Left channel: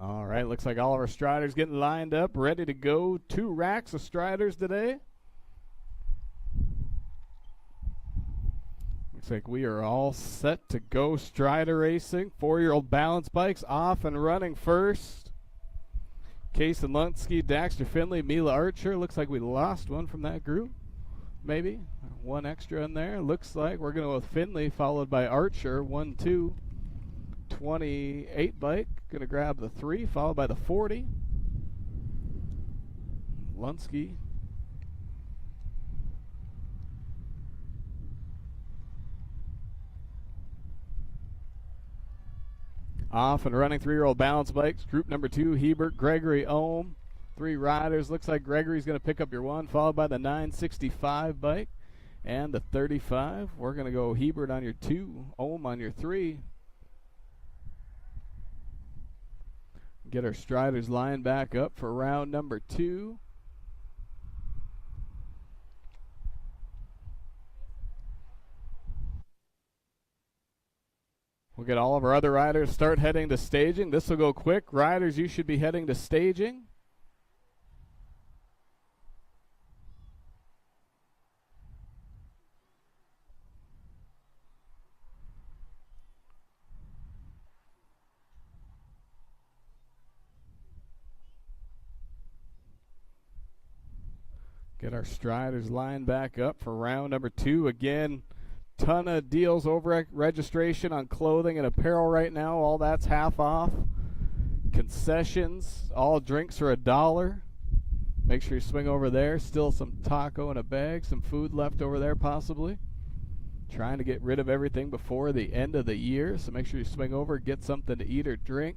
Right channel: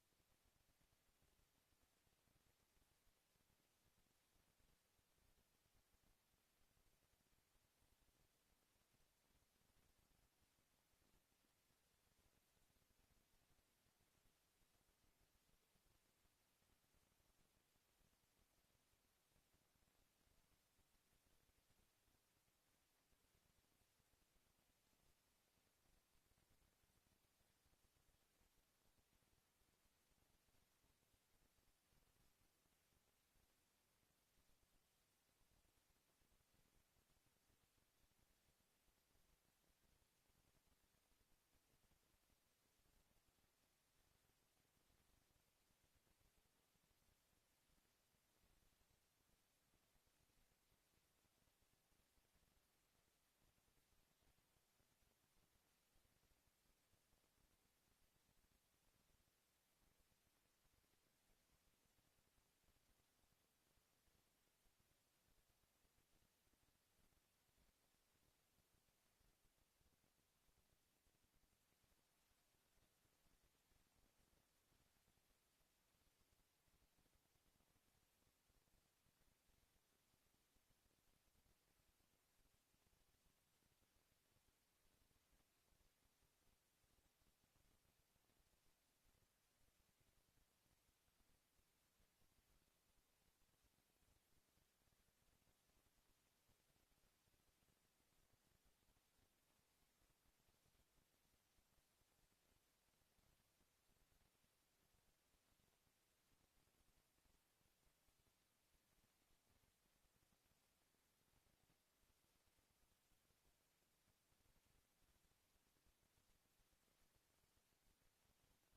All right, looks like all of our striders getting lined up, ready to go. 2 racks of striders today. Looks like we are all set to go strider racing. 4-year-old balance bikes off and running first. Case and Lunsky, Daxter Finley, Mila Archer. Looks like we lost one from that group. Maybe. One extra in there. Looks like we're going to go with Finley, followed by Archer. 1, 2. 28 bike. Going to grab the 3, followed by the 40. Lunsky. Off and running 3-year-old balance bikes. Group number 2, Hebert, Gregory, Ohm. 3 riders. Looks like Gregory's going to pick up your 1, followed by the 965 bike and the 35. We're going to go Hebert on your 2, Ohm on your 3. Get our striders lined back up for round number 2. We'll get all of our other riders start heading to staging. This will go quick. Riders, you should be heading to staging. Get our striders lined back up for round number 2. Again, ton of deals over registration on clothing and apparel right now. All that's half off. Concessions, all drinks are $1. Make sure you swing over there. Still some taco in a bag, some food left over there possibly. Trying to get rid of everything before the end of the year, so make sure you swing over, get something to eat or drink.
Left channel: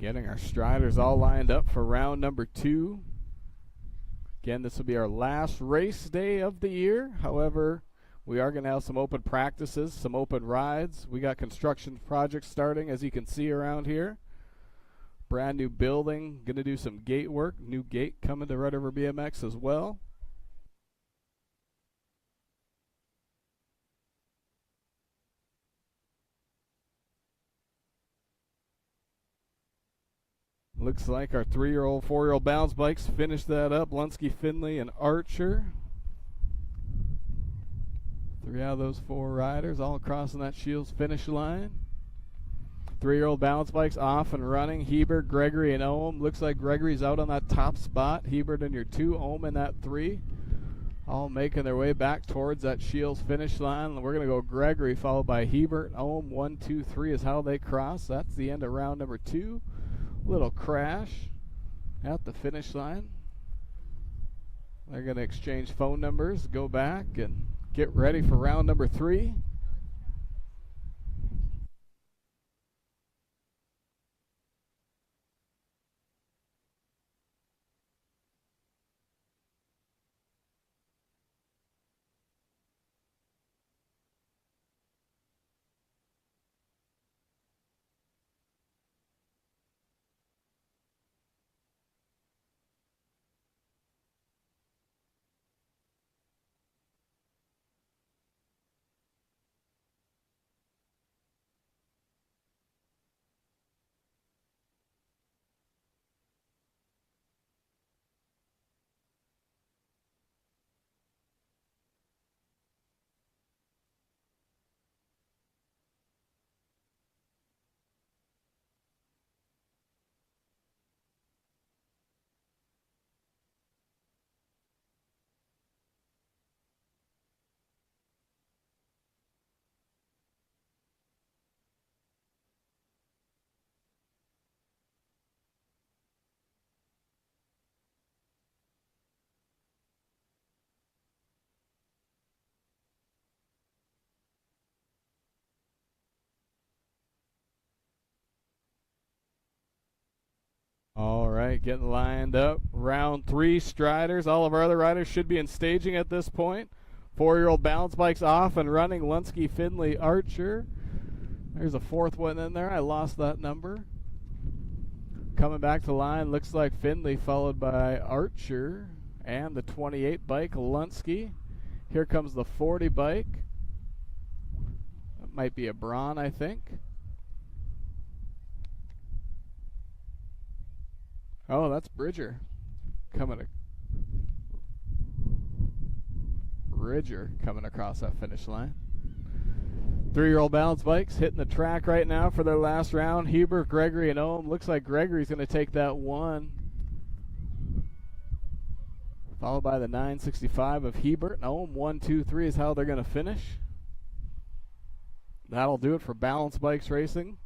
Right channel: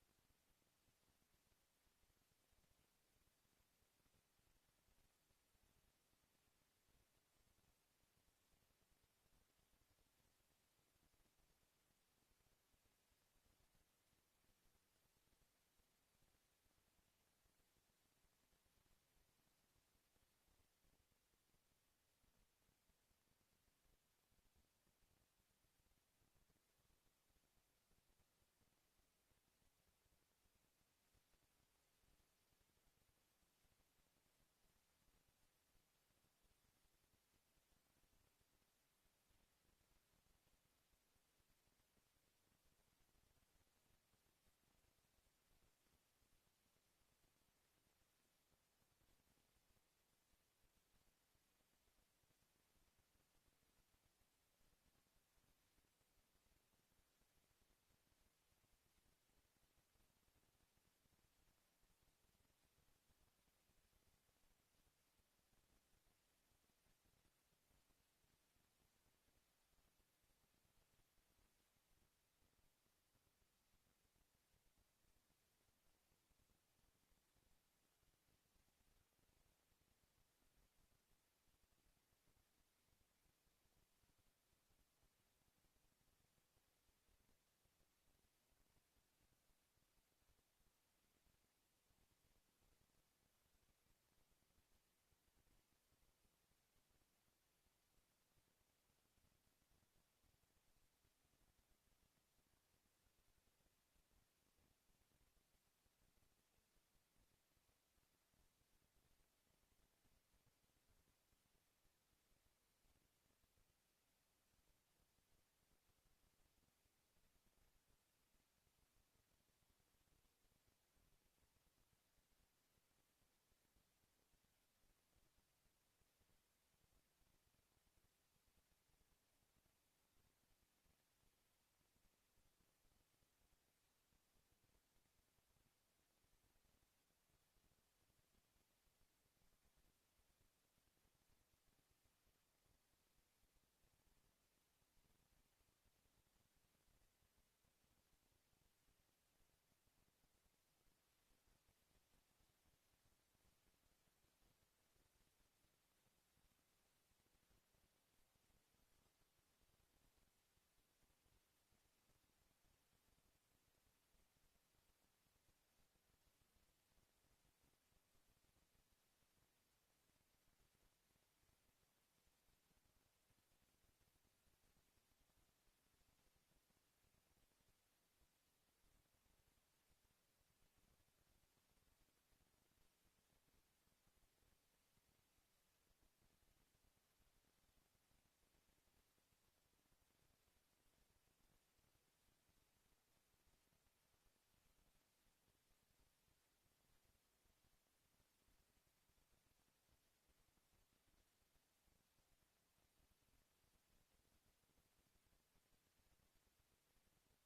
Getting our striders all lined up for round number 2. Again, this will be our last race day of the year. However, we are going to have some open practices, some open rides. We got construction projects starting, as you can see around here. Brand new building, going to do some gate work. New gate coming to Red River BMX as well. Looks like our 3-year-old, 4-year-old balance bikes finished that up. Lunsky, Finley, and Archer. 3 out of those 4 riders all crossing that Shields finish line. 3-year-old balance bikes off and running. Hebert, Gregory, and Ohm. Looks like Gregory's out on that top spot. Hebert in your 2, Ohm in that 3. All making their way back towards that Shields finish line. We're going to go Gregory followed by Hebert. Ohm, 1, 2, 3 is how they cross. That's the end of round number 2. Little crash at the finish line. They're going to exchange phone numbers, go back, and get ready for round number 3. All right, getting lined up. Round 3 striders. All of our other riders should be in staging at this point. 4-year-old balance bikes off and running. Lunsky, Finley, Archer. There's a 4th one in there. I lost that number. Coming back to line, looks like Finley followed by Archer and the 28 bike, Lunsky. Here comes the 40 bike. might be a Braun, I think. Oh, that's Bridger coming across that finish line. 3-year-old balance bikes hitting the track right now for their last round. Huber, Gregory, and Ohm. Looks like Gregory's going to take that one. Followed by the 965 of Hebert and Ohm. 1, 2, 3 is how they're going to finish. That'll do it for balance bikes racing.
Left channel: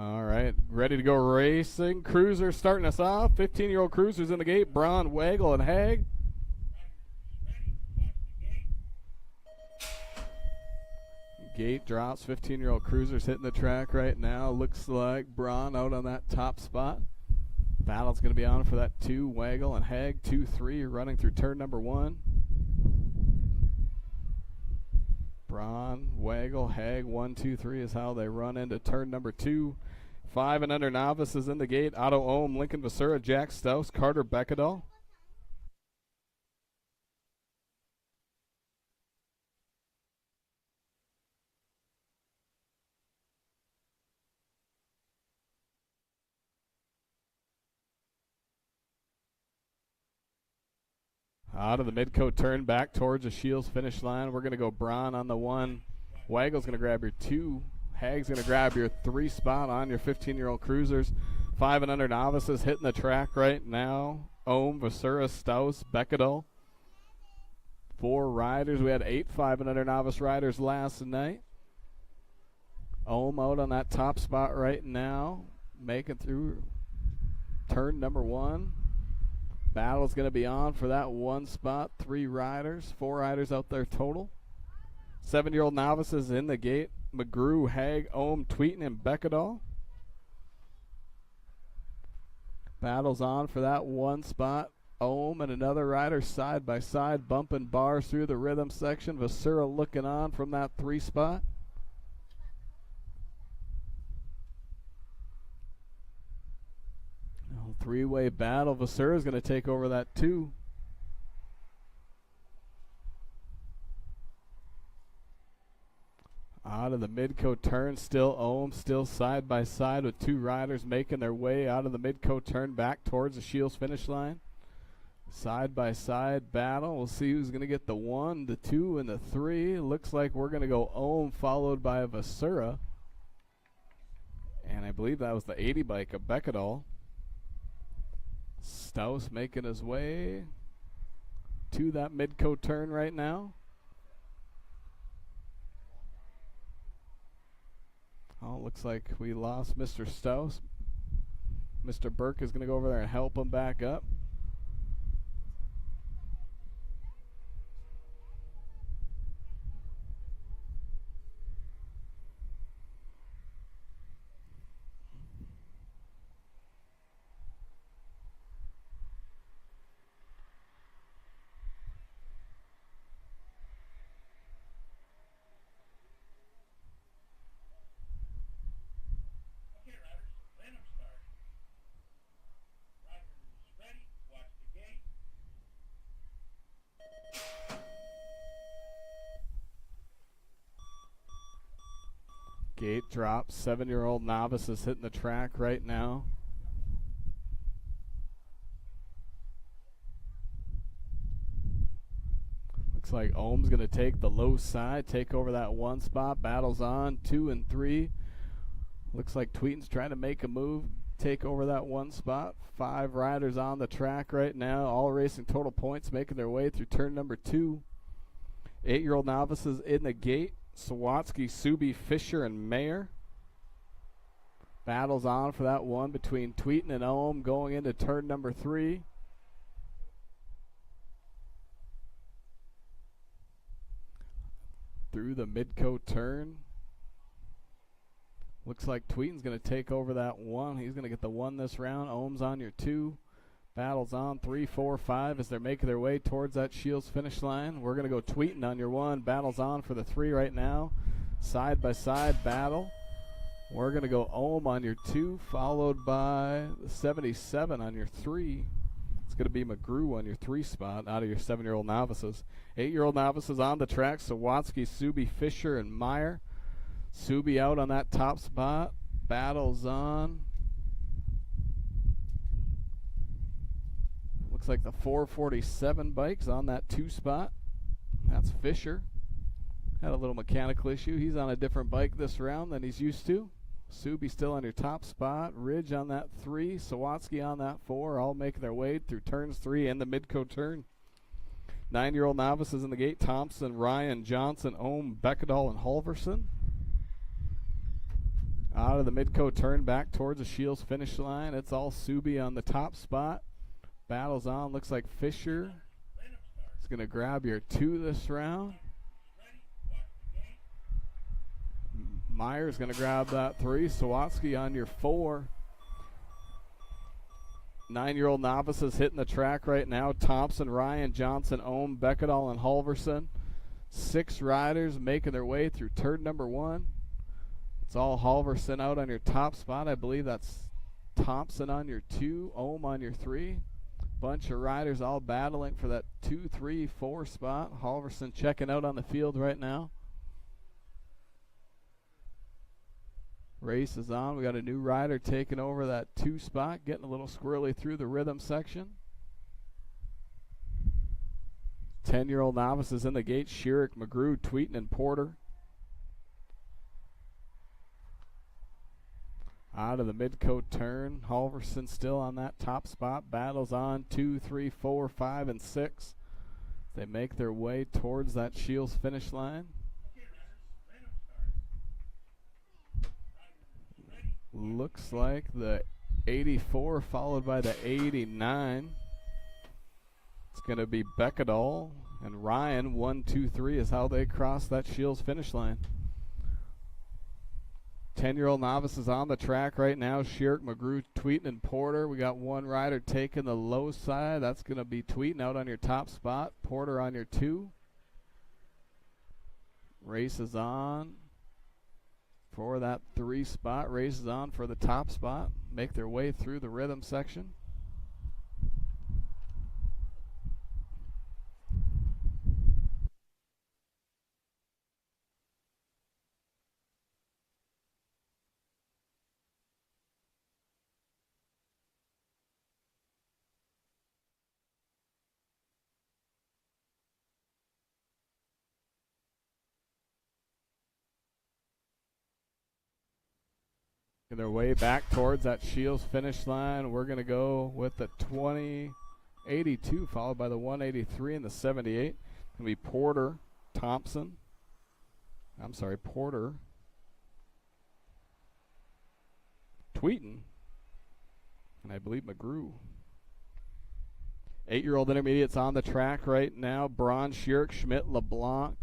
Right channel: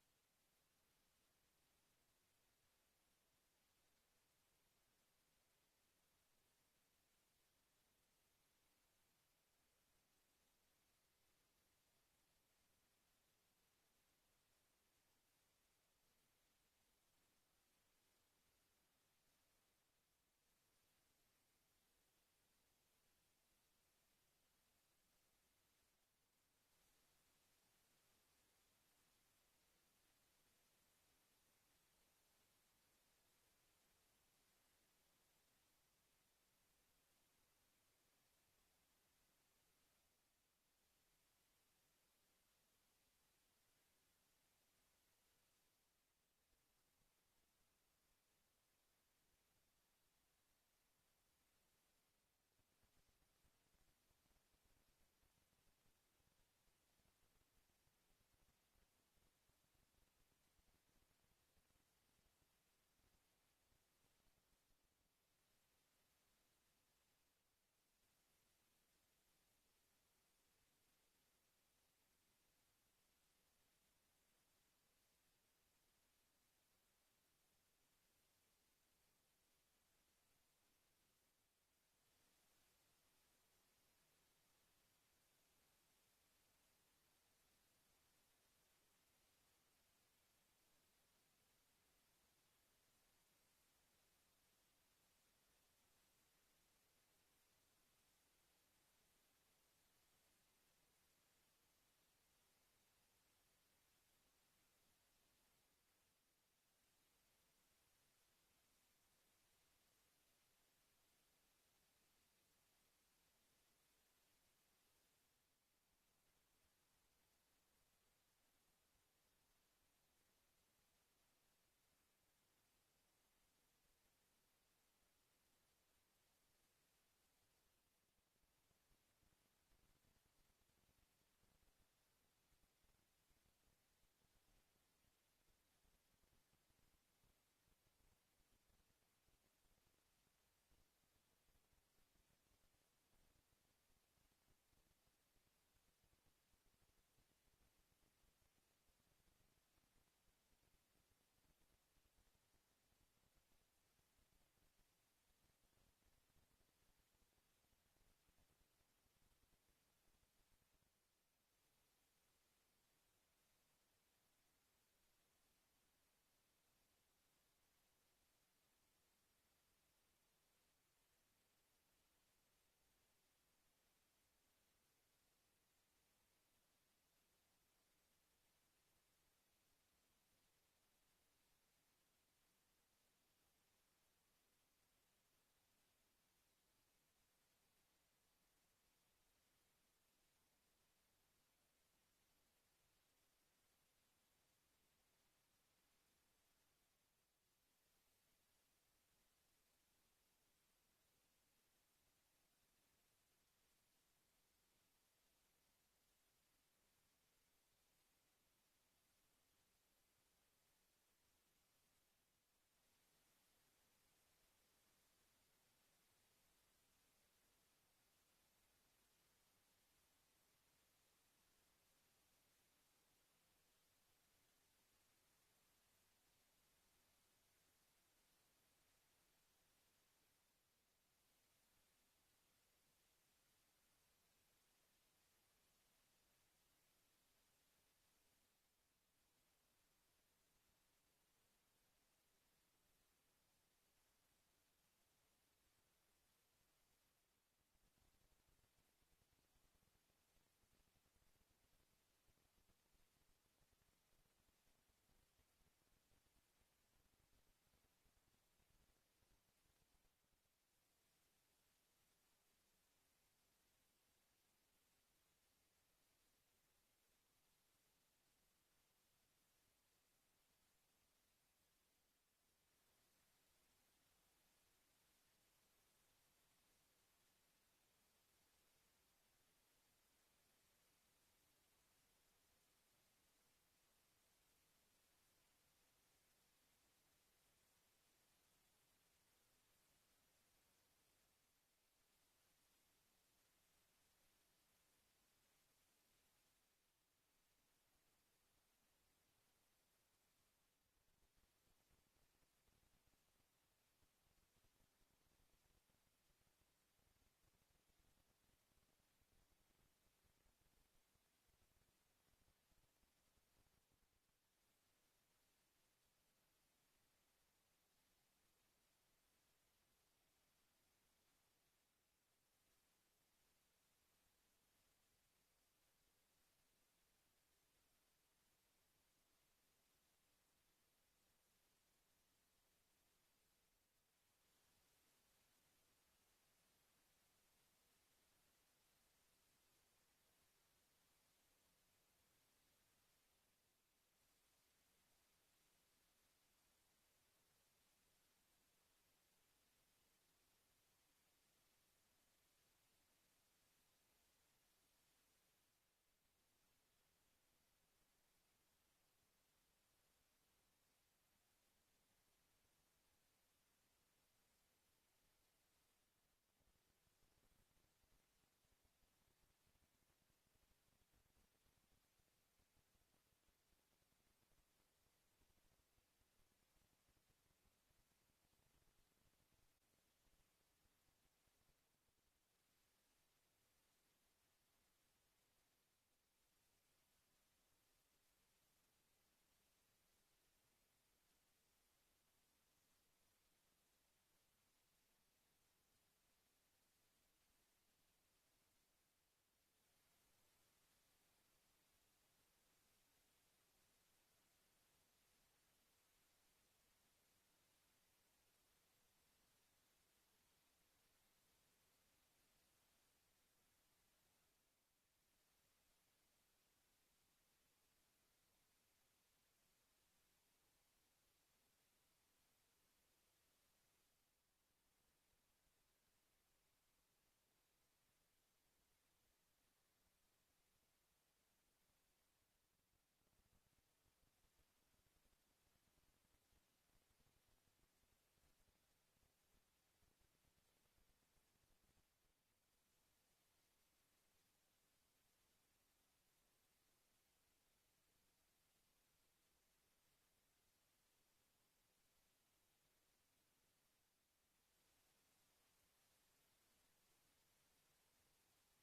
All right, ready to go racing. Cruiser starting us off. 15-year-old Cruiser's in the gate. Braun, Wagle, and Haig. Gate drops. 15-year-old Cruiser's hitting the track right now. Looks like Braun out on that top spot. Battle's going to be on for that 2. Wagle and Haig. 2, 3 running through turn number 1. Braun, Wagle, Haig. 1, 2, 3 is how they run into turn number 2. 5 and under novices in the gate. Otto Ohm, Lincoln Vasura, Jack Stouse, Carter Beckadall. Out of the mid-coat turn back towards the Shields finish line. We're going to go Braun on the 1. Wagle's going to grab your 2. Hag's going to grab your 3 spot on your 15-year-old Cruisers. 5 and under novices hitting the track right now. Ohm, Vasura, Stouse, Beckadall. 4 riders. We had 8 5 and under novice riders last night. Ohm out on that top spot right now, making through turn number 1. Battle's going to be on for that 1 spot. 3 riders, 4 riders out there total. 7-year-old novices in the gate. McGrew, Haig, Ohm, Tweeten, and Beckedahl. Battle's on for that 1 spot. Ohm and another rider side by side, bumping bars through the rhythm section. Vasura looking on from that 3 spot. Three-way battle. Vasura is going to take over that 2. Out of the Midco turn, still Ohm, still side by side with 2 riders making their way out of the Midco turn back towards the Shields finish line. Side by side battle. We'll see who's going to get the 1, the 2, and the 3. Looks like we're going to go Ohm followed by Vasura. And I believe that was the 80 bike of Beckedahl. Staus making his way to that Midco turn right now. Oh, looks like we lost Mr. Staus. Mr. Burke is going to go over there and help him back up. Gate drops. 7-year-old novice is hitting the track right now. Looks like Ohm's going to take the low side, take over that 1 spot. Battles on 2 and 3. Looks like Tweeten's trying to make a move, take over that 1 spot. 5 riders on the track right now, all racing total points, making their way through turn number 2. 8-year-old novices in the gate. Sawatsky, Subi, Fisher, and Mayer. Battles on for that 1 between Tweeten and Ohm going into turn number 3. Through the Midco turn. Looks like Tweeten's going to take over that 1. He's going to get the 1 this round. Ohm's on your 2. Battles on 3, 4, 5 as they're making their way towards that Shields finish line. We're going to go Tweeten on your 1. Battles on for the 3 right now. Side by side battle. We're going to go Ohm on your 2, followed by the 77 on your 3. It's going to be McGrew on your 3 spot out of your 7-year-old novices. 8-year-old novices on the track. Sawatsky, Subi, Fisher, and Meyer. Subi out on that top spot. Battles on. Looks like the 447 bike's on that 2 spot. That's Fisher. Had a little mechanical issue. He's on a different bike this round than he's used to. Subi still on your top spot. Ridge on that 3. Sawatsky on that 4. All making their way through turns 3 and the Midco turn. 9-year-old novices in the gate. Thompson, Ryan, Johnson, Ohm, Beckedahl, and Halverson. Out of the Midco turn back towards the Shields finish line. It's all Subi on the top spot. Battles on. Looks like Fisher is going to grab your 2 this round. Meyer's going to grab that 3. Sawatsky on your 4. 9-year-old novices hitting the track right now. Thompson, Ryan, Johnson, Ohm, Beckedahl, and Halverson. 6 riders making their way through turn number 1. It's all Halverson out on your top spot. I believe that's Thompson on your 2, Ohm on your 3. Bunch of riders all battling for that 2, 3, 4 spot. Halverson checking out on the field right now. Race is on. We got a new rider taking over that 2 spot, getting a little squirrely through the rhythm section. 10-year-old novices in the gate. Schierick, McGrew, Tweeten, and Porter. Out of the Midco turn. Halverson still on that top spot. Battles on 2, 3, 4, 5, and 6. They make their way towards that Shields finish line. Looks like the 84 followed by the 89. It's going to be Beckadall and Ryan. 1, 2, 3 is how they cross that Shields finish line. 10-year-old novices on the track right now. Shirk, McGrew, Tweeten, and Porter. We got one rider taking the low side. That's going to be Tweeten out on your top spot. Porter on your 2. Race is on for that 3 spot. Race is on for the top spot. Make their way through the rhythm section. Their way back towards that Shields finish line. We're going to go with the 2082 followed by the 183 and the 78. It's going to be Porter, Thompson. I'm sorry, Porter, Tweeten, and I believe McGrew. 8-year-old intermediates on the track right now. Braun, Shirk, Schmidt, LeBlanc.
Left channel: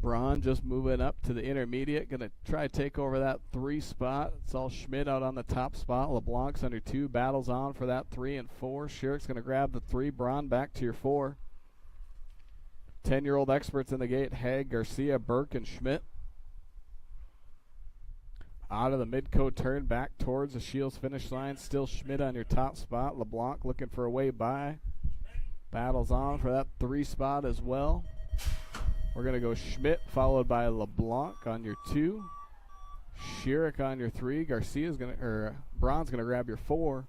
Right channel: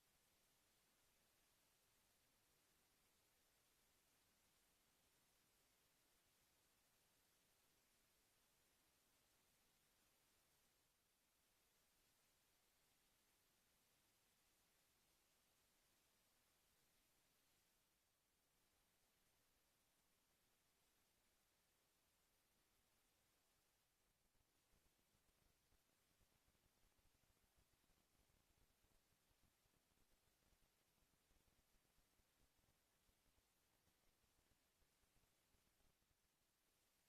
Braun just moving up to the intermediate. Going to try to take over that 3 spot. It's all Schmidt out on the top spot. LeBlanc's under 2. Battles on for that 3 and 4. Shirk's going to grab the 3. Braun back to your 4. 10-year-old experts in the gate. Haig, Garcia, Burke, and Schmidt. Out of the mid-coat turn back towards the Shields finish line. Still Schmidt on your top spot. LeBlanc looking for a way by. Battles on for that 3 spot as well. We're going to go Schmidt followed by LeBlanc on your 2. Shirk on your 3. Garcia's going to, or Braun's going to grab your 4.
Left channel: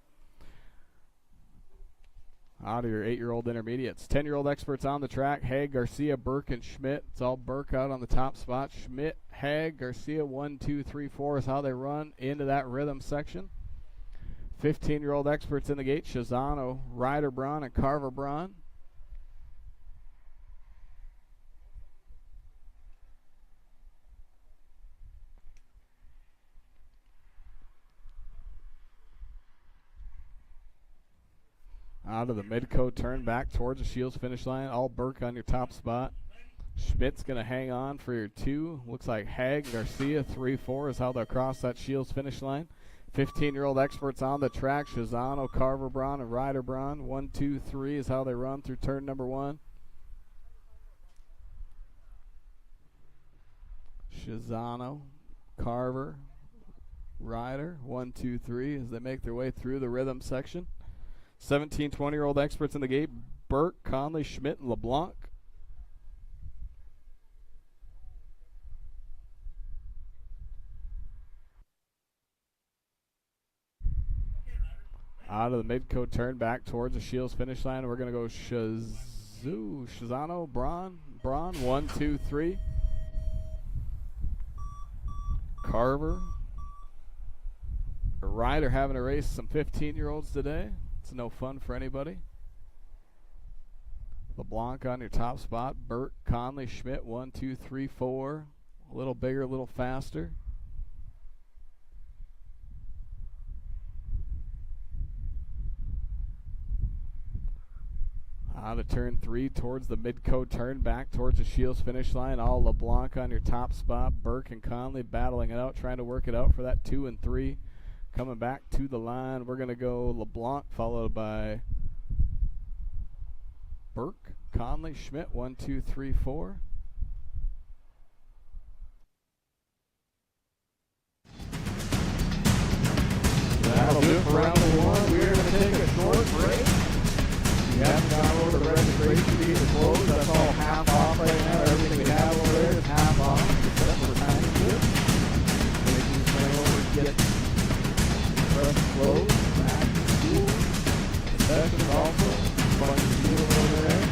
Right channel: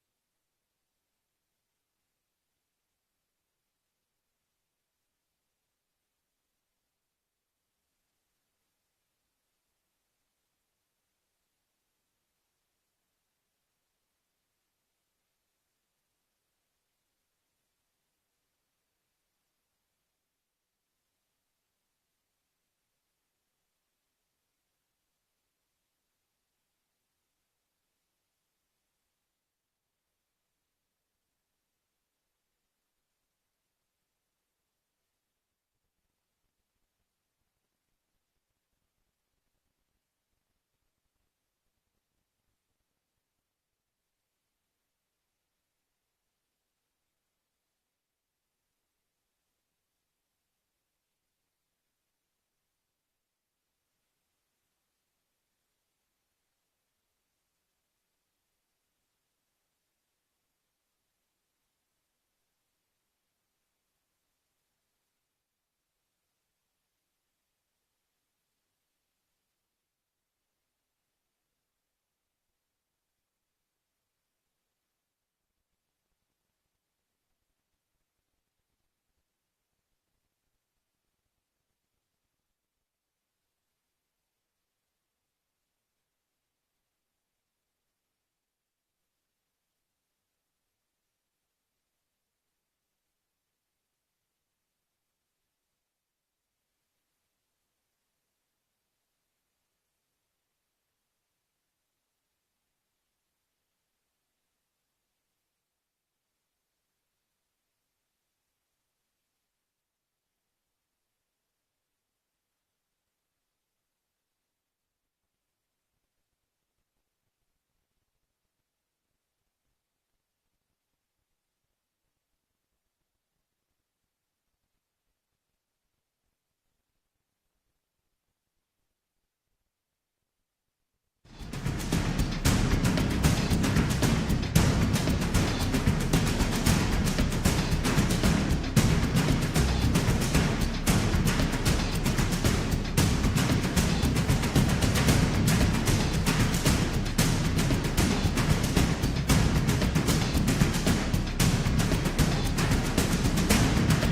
Out of your 8-year-old intermediates. 10-year-old experts on the track. Haig, Garcia, Burke, and Schmidt. It's all Burke out on the top spot. Schmidt, Haig, Garcia, 1, 2, 3, 4 is how they run into that rhythm section. 15-year-old experts in the gate. Shazano, Ryder Braun, and Carver Braun. Out of the mid-coat turn back towards the Shields finish line. All Burke on your top spot. Schmidt's going to hang on for your 2. Looks like Haig, Garcia, 3, 4 is how they'll cross that Shields finish line. 15-year-old experts on the track. Shazano, Carver Braun, and Ryder Braun. 1, 2, 3 is how they run through turn number 1. Shazano, Carver, Ryder. 1, 2, 3 as they make their way through the rhythm section. 17, 20-year-old experts in the gate. Burke, Conley, Schmidt, and LeBlanc. Out of the mid-coat turn back towards the Shields finish line. We're going to go Shazano, Braun, 1, 2, 3. Carver. Ryder having to race some 15-year-olds today. It's no fun for anybody. LeBlanc on your top spot. Burke, Conley, Schmidt, 1, 2, 3, 4. A little bigger, a little faster. Out of turn 3 towards the mid-coat turn back towards the Shields finish line. All LeBlanc on your top spot. Burke and Conley battling it out, trying to work it out for that 2 and 3. Coming back to the line, we're going to go LeBlanc followed by Burke, Conley, Schmidt, 1, 2, 3, 4. That'll do it for round 1. We're going to take a short break. You haven't gone over the registration fee to close. That's all half off right now. Everything we have over there is half off. That's the time here. Bring over to get it. Close. Second also. 1, 2 over there.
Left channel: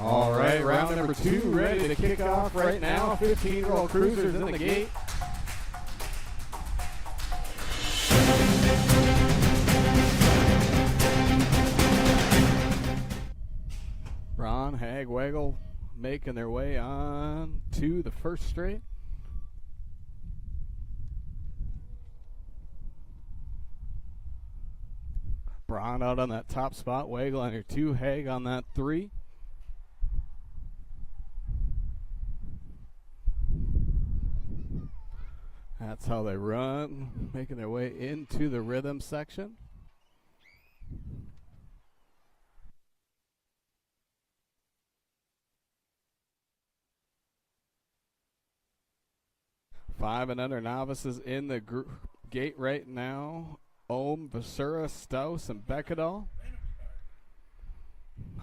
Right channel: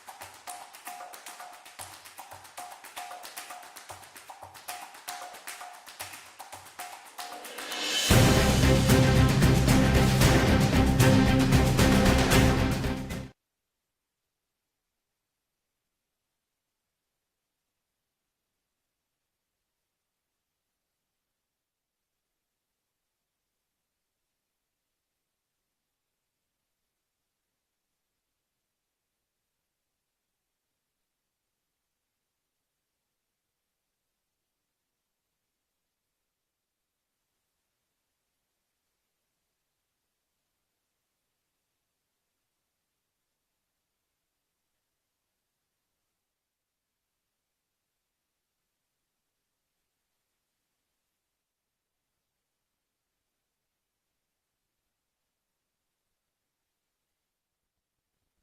All right, round number 2 ready to kick off right now. 15-year-old cruisers in the gate. Braun, Hag, Waggle making their way on to the first straight. Braun out on that top spot. Waggle on your 2. Hag on that 3. That's how they run, making their way into the rhythm section. Five and under novices in the gate right now. Ohm, Vasura, Staus, and Beckedal.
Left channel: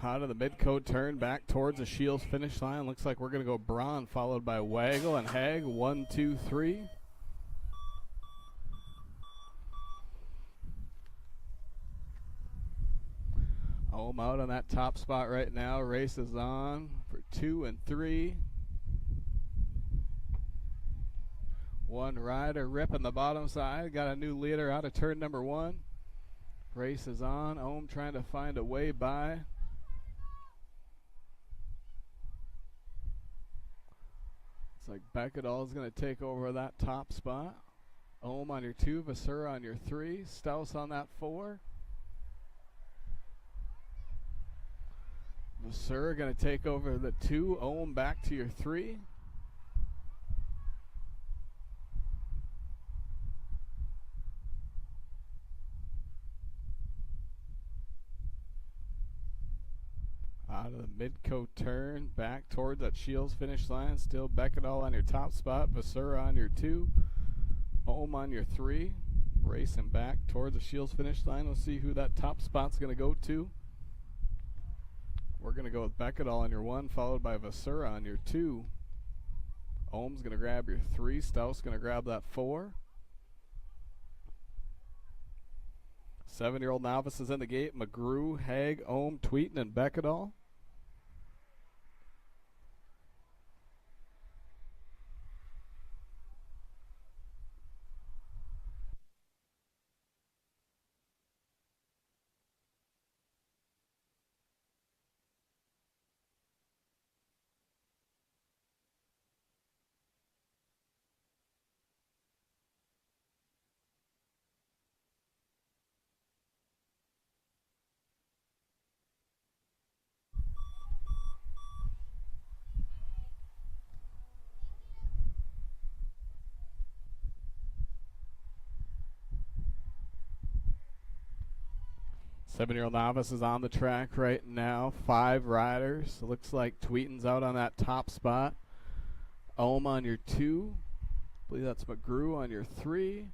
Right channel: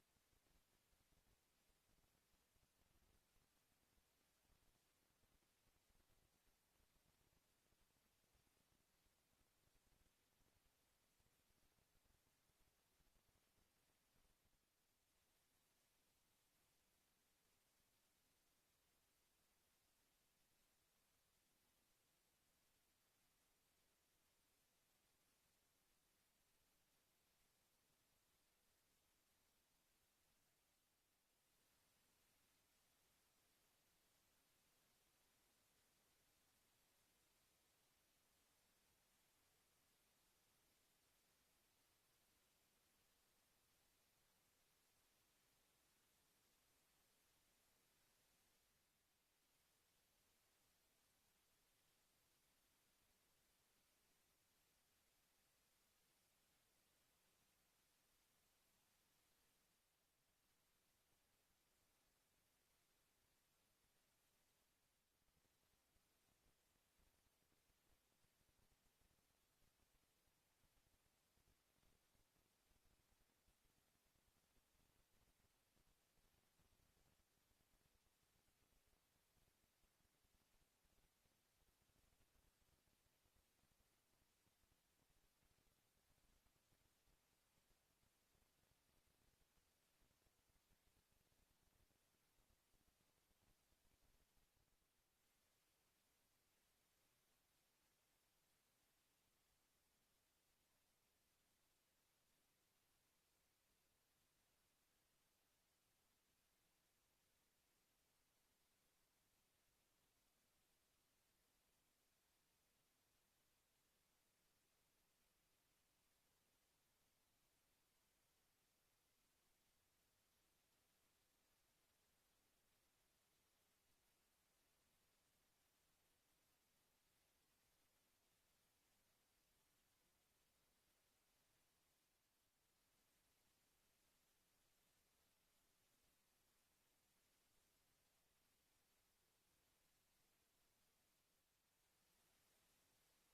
Out of the mid-coat turn back towards the Shields finish line. Looks like we're going to go Braun, followed by Waggle and Hag. 1, 2, 3. Ohm out on that top spot right now. Race is on for 2 and 3. One rider ripping the bottom side. Got a new leader out of turn number 1. Race is on. Ohm trying to find a way by. It's like Beckedal is going to take over that top spot. Ohm on your 2. Vasura on your 3. Staus on that 4. Vasura going to take over the 2. Ohm back to your 3. Out of the mid-coat turn, back towards that Shields finish line. Still Beckedal on your top spot. Vasura on your 2. Ohm on your 3. Racing back towards the Shields finish line. We'll see who that top spot's going to go to. We're going to go with Beckedal on your 1, followed by Vasura on your 2. Ohm's going to grab your 3. Staus going to grab that 4. 7-year-old novices in the gate. McGrew, Hag, Ohm, Tweeten, and Beckedal. Seven-year-old novice is on the track right now. 5 riders. It looks like Tweeten's out on that top spot. Ohm on your 2. I believe that's McGrew on your 3.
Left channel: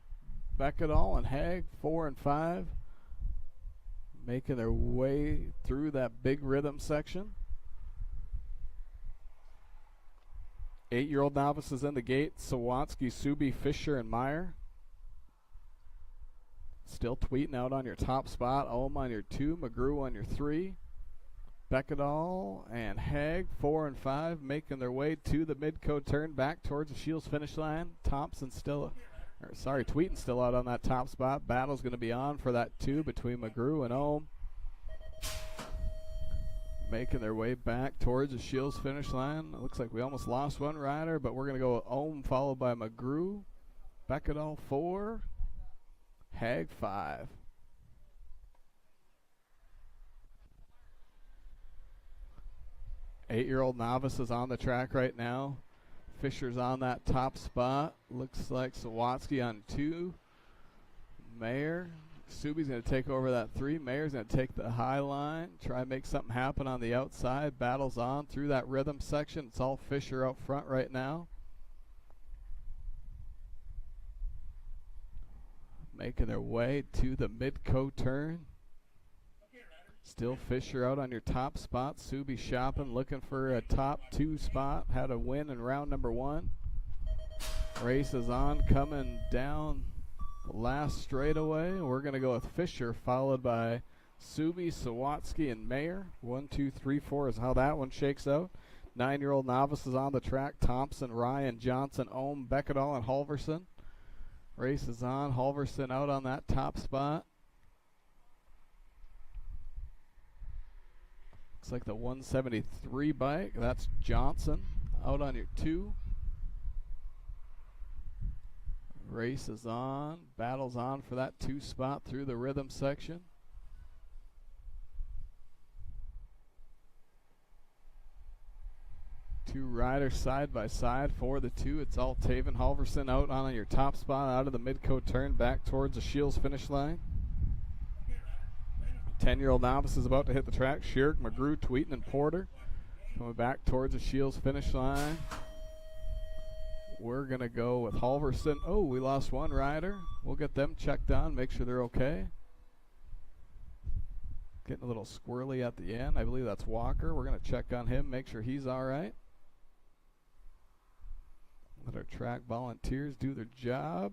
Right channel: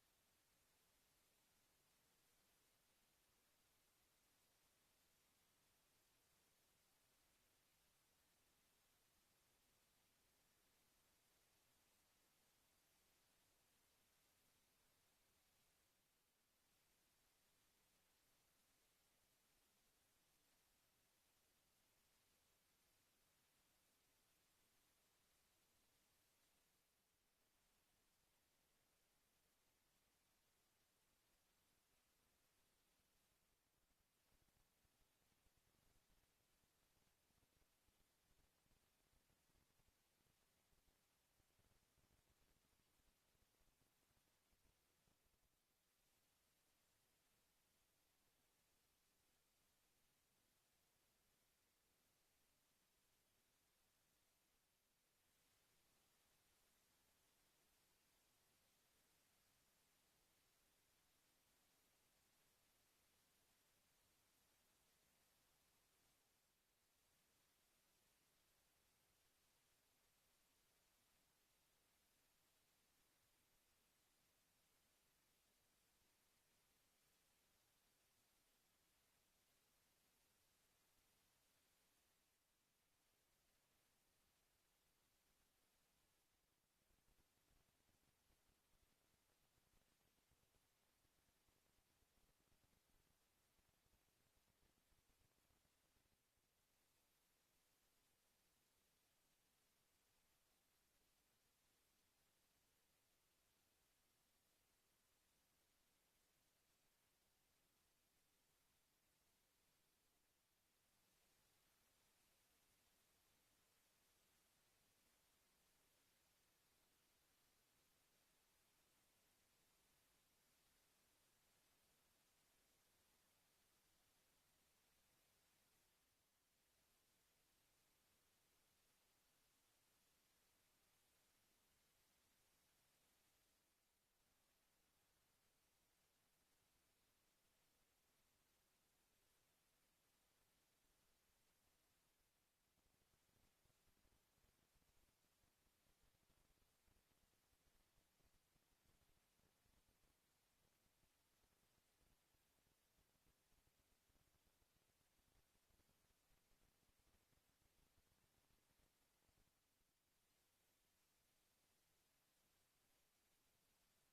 Beckedal and Hag 4 and 5. Making their way through that big rhythm section. 8-year-old novices in the gate. Sawatsky, Subi, Fisher, and Meyer. Still Tweeten out on your top spot. Ohm on your 2. McGrew on your 3. Beckedal and Hag 4 and 5 making their way to the mid-coat turn back towards the Shields finish line. Tweeten's still out on that top spot. Battle's going to be on for that 2 between McGrew and Ohm. Making their way back towards the Shields finish line. It looks like we almost lost one rider, but we're going to go with Ohm followed by McGrew. Beckedal 4. Hag 5. Eight-year-old novice is on the track right now. Fisher's on that top spot. Looks like Sawatsky on 2. Mayer. Subi's going to take over that 3. Mayer's going to take the high line. Try and make something happen on the outside. Battle's on through that rhythm section. It's all Fisher out front right now. Making their way to the mid-coat turn. Still Fisher out on your top spot. Subi shopping, looking for a top 2 spot. Had a win in round number 1. Race is on, coming down the last straightaway. We're going to go with Fisher, followed by Subi, Sawatsky, and Mayer. 1, 2, 3, 4 is how that one shakes out. 9-year-old novices on the track. Thompson, Ryan, Johnson, Ohm, Beckedal, and Halverson. Race is on. Halverson out on that top spot. Looks like the 173 bike. That's Johnson out on your 2. Race is on. Battle's on for that 2 spot through the rhythm section. Two riders side by side for the 2. It's all Taven Halverson out on your top spot out of the Midcoat turn back towards the Shields finish line. 10-year-old novice is about to hit the track. Shirk, McGrew, Tweeten, and Porter coming back towards the Shields finish line. We're going to go with Halverson. Oh, we lost one rider. We'll get them checked on, make sure they're okay. Getting a little squirrely at the end. I believe that's Walker. We're going to check on him, make sure he's all right. Let our track volunteers do their job.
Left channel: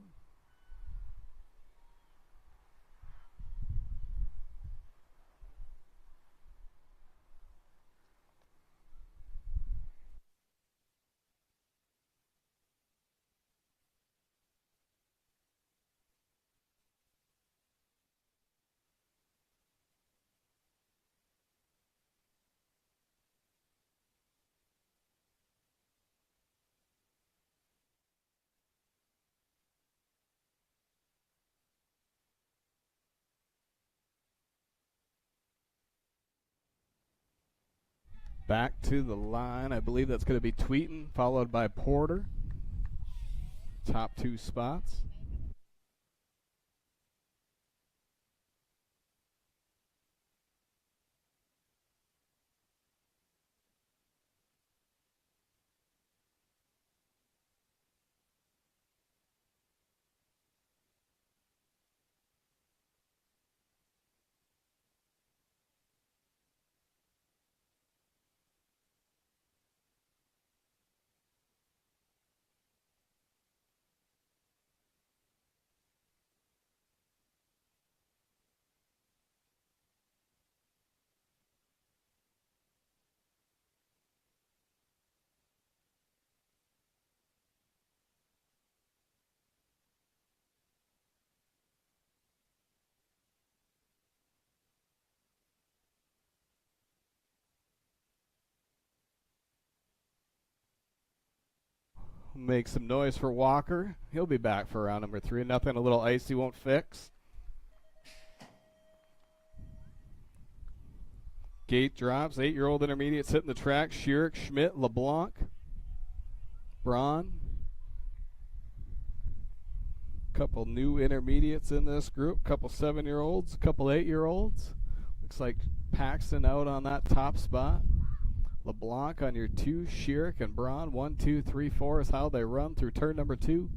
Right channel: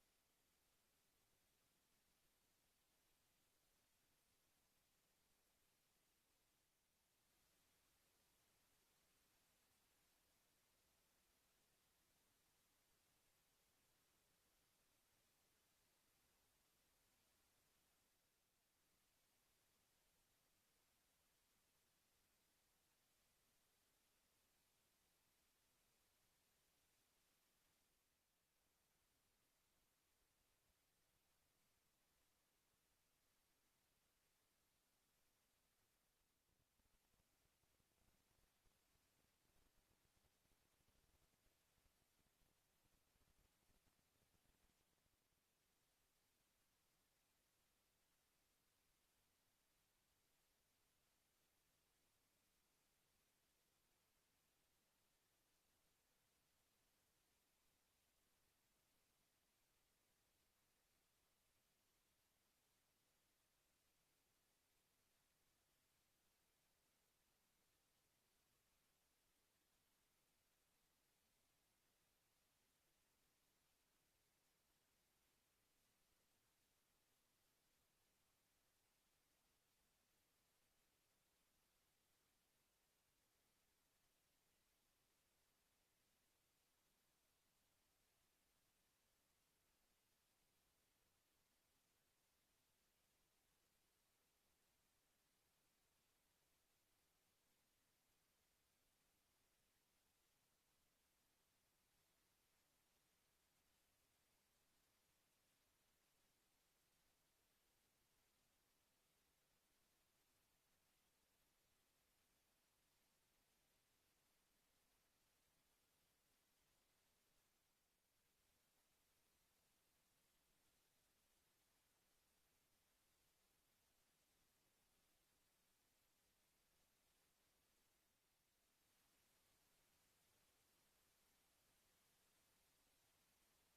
Back to the line. I believe that's going to be Tweeten, followed by Porter. Top 2 spots. Make some noise for Walker. He'll be back for round number 3. Nothing a little icy won't fix. Gate drops. 8-year-old intermediates hitting the track. Schirk, Schmidt, LeBlanc, Braun. Couple new intermediates in this group. Couple 7-year-olds. Couple 8-year-olds. Looks like Paxton out on that top spot. LeBlanc on your 2, Schirk and Braun. 1, 2, 3, 4 is how they run through turn number 2.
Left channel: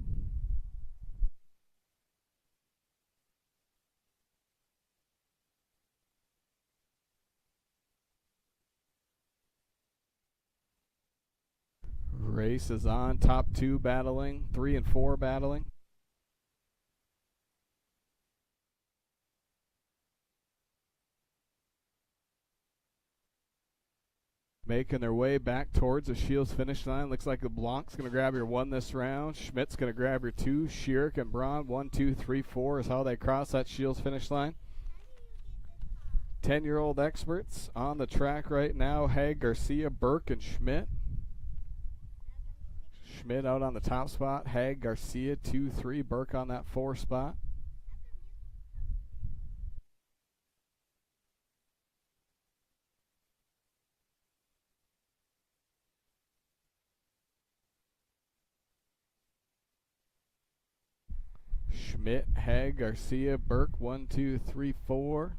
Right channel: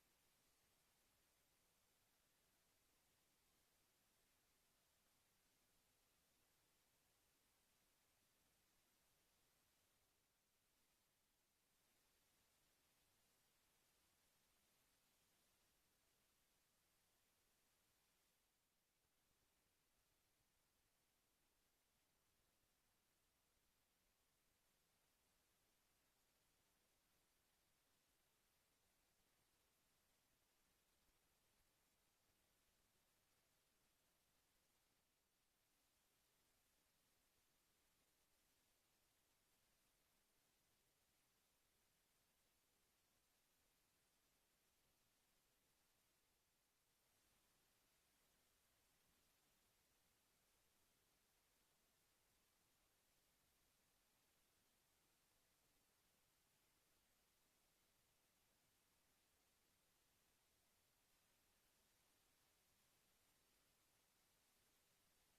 Race is on. Top 2 battling. 3 and 4 battling. Making their way back towards the Shields finish line. Looks like LeBlanc's going to grab your 1 this round. Schmidt's going to grab your 2. Schirk and Braun, 1, 2, 3, 4 is how they cross that Shields finish line. 10-year-old experts on the track right now. Haig, Garcia, Burke, and Schmidt. Schmidt out on the top spot. Haig, Garcia, 2, 3. Burke on that 4 spot. Schmidt, Haig, Garcia, Burke, 1, 2, 3, 4.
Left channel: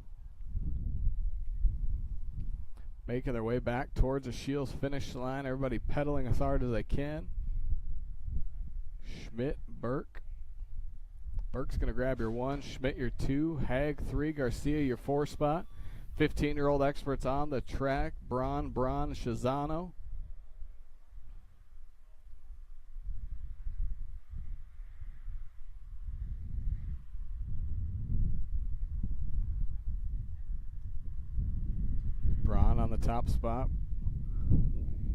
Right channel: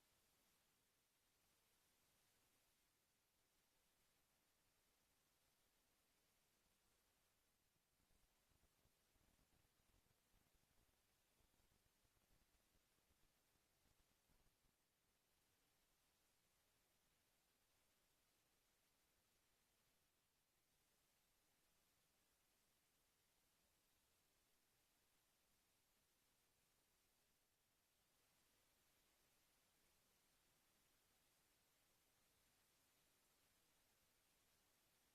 Making their way back towards the Shields finish line. Everybody pedaling as hard as they can. Schmidt, Burke. Burke's going to grab your 1, Schmidt your 2, Haig 3, Garcia your 4 spot. 15-year-old experts on the track. Braun, Shazano. top spot.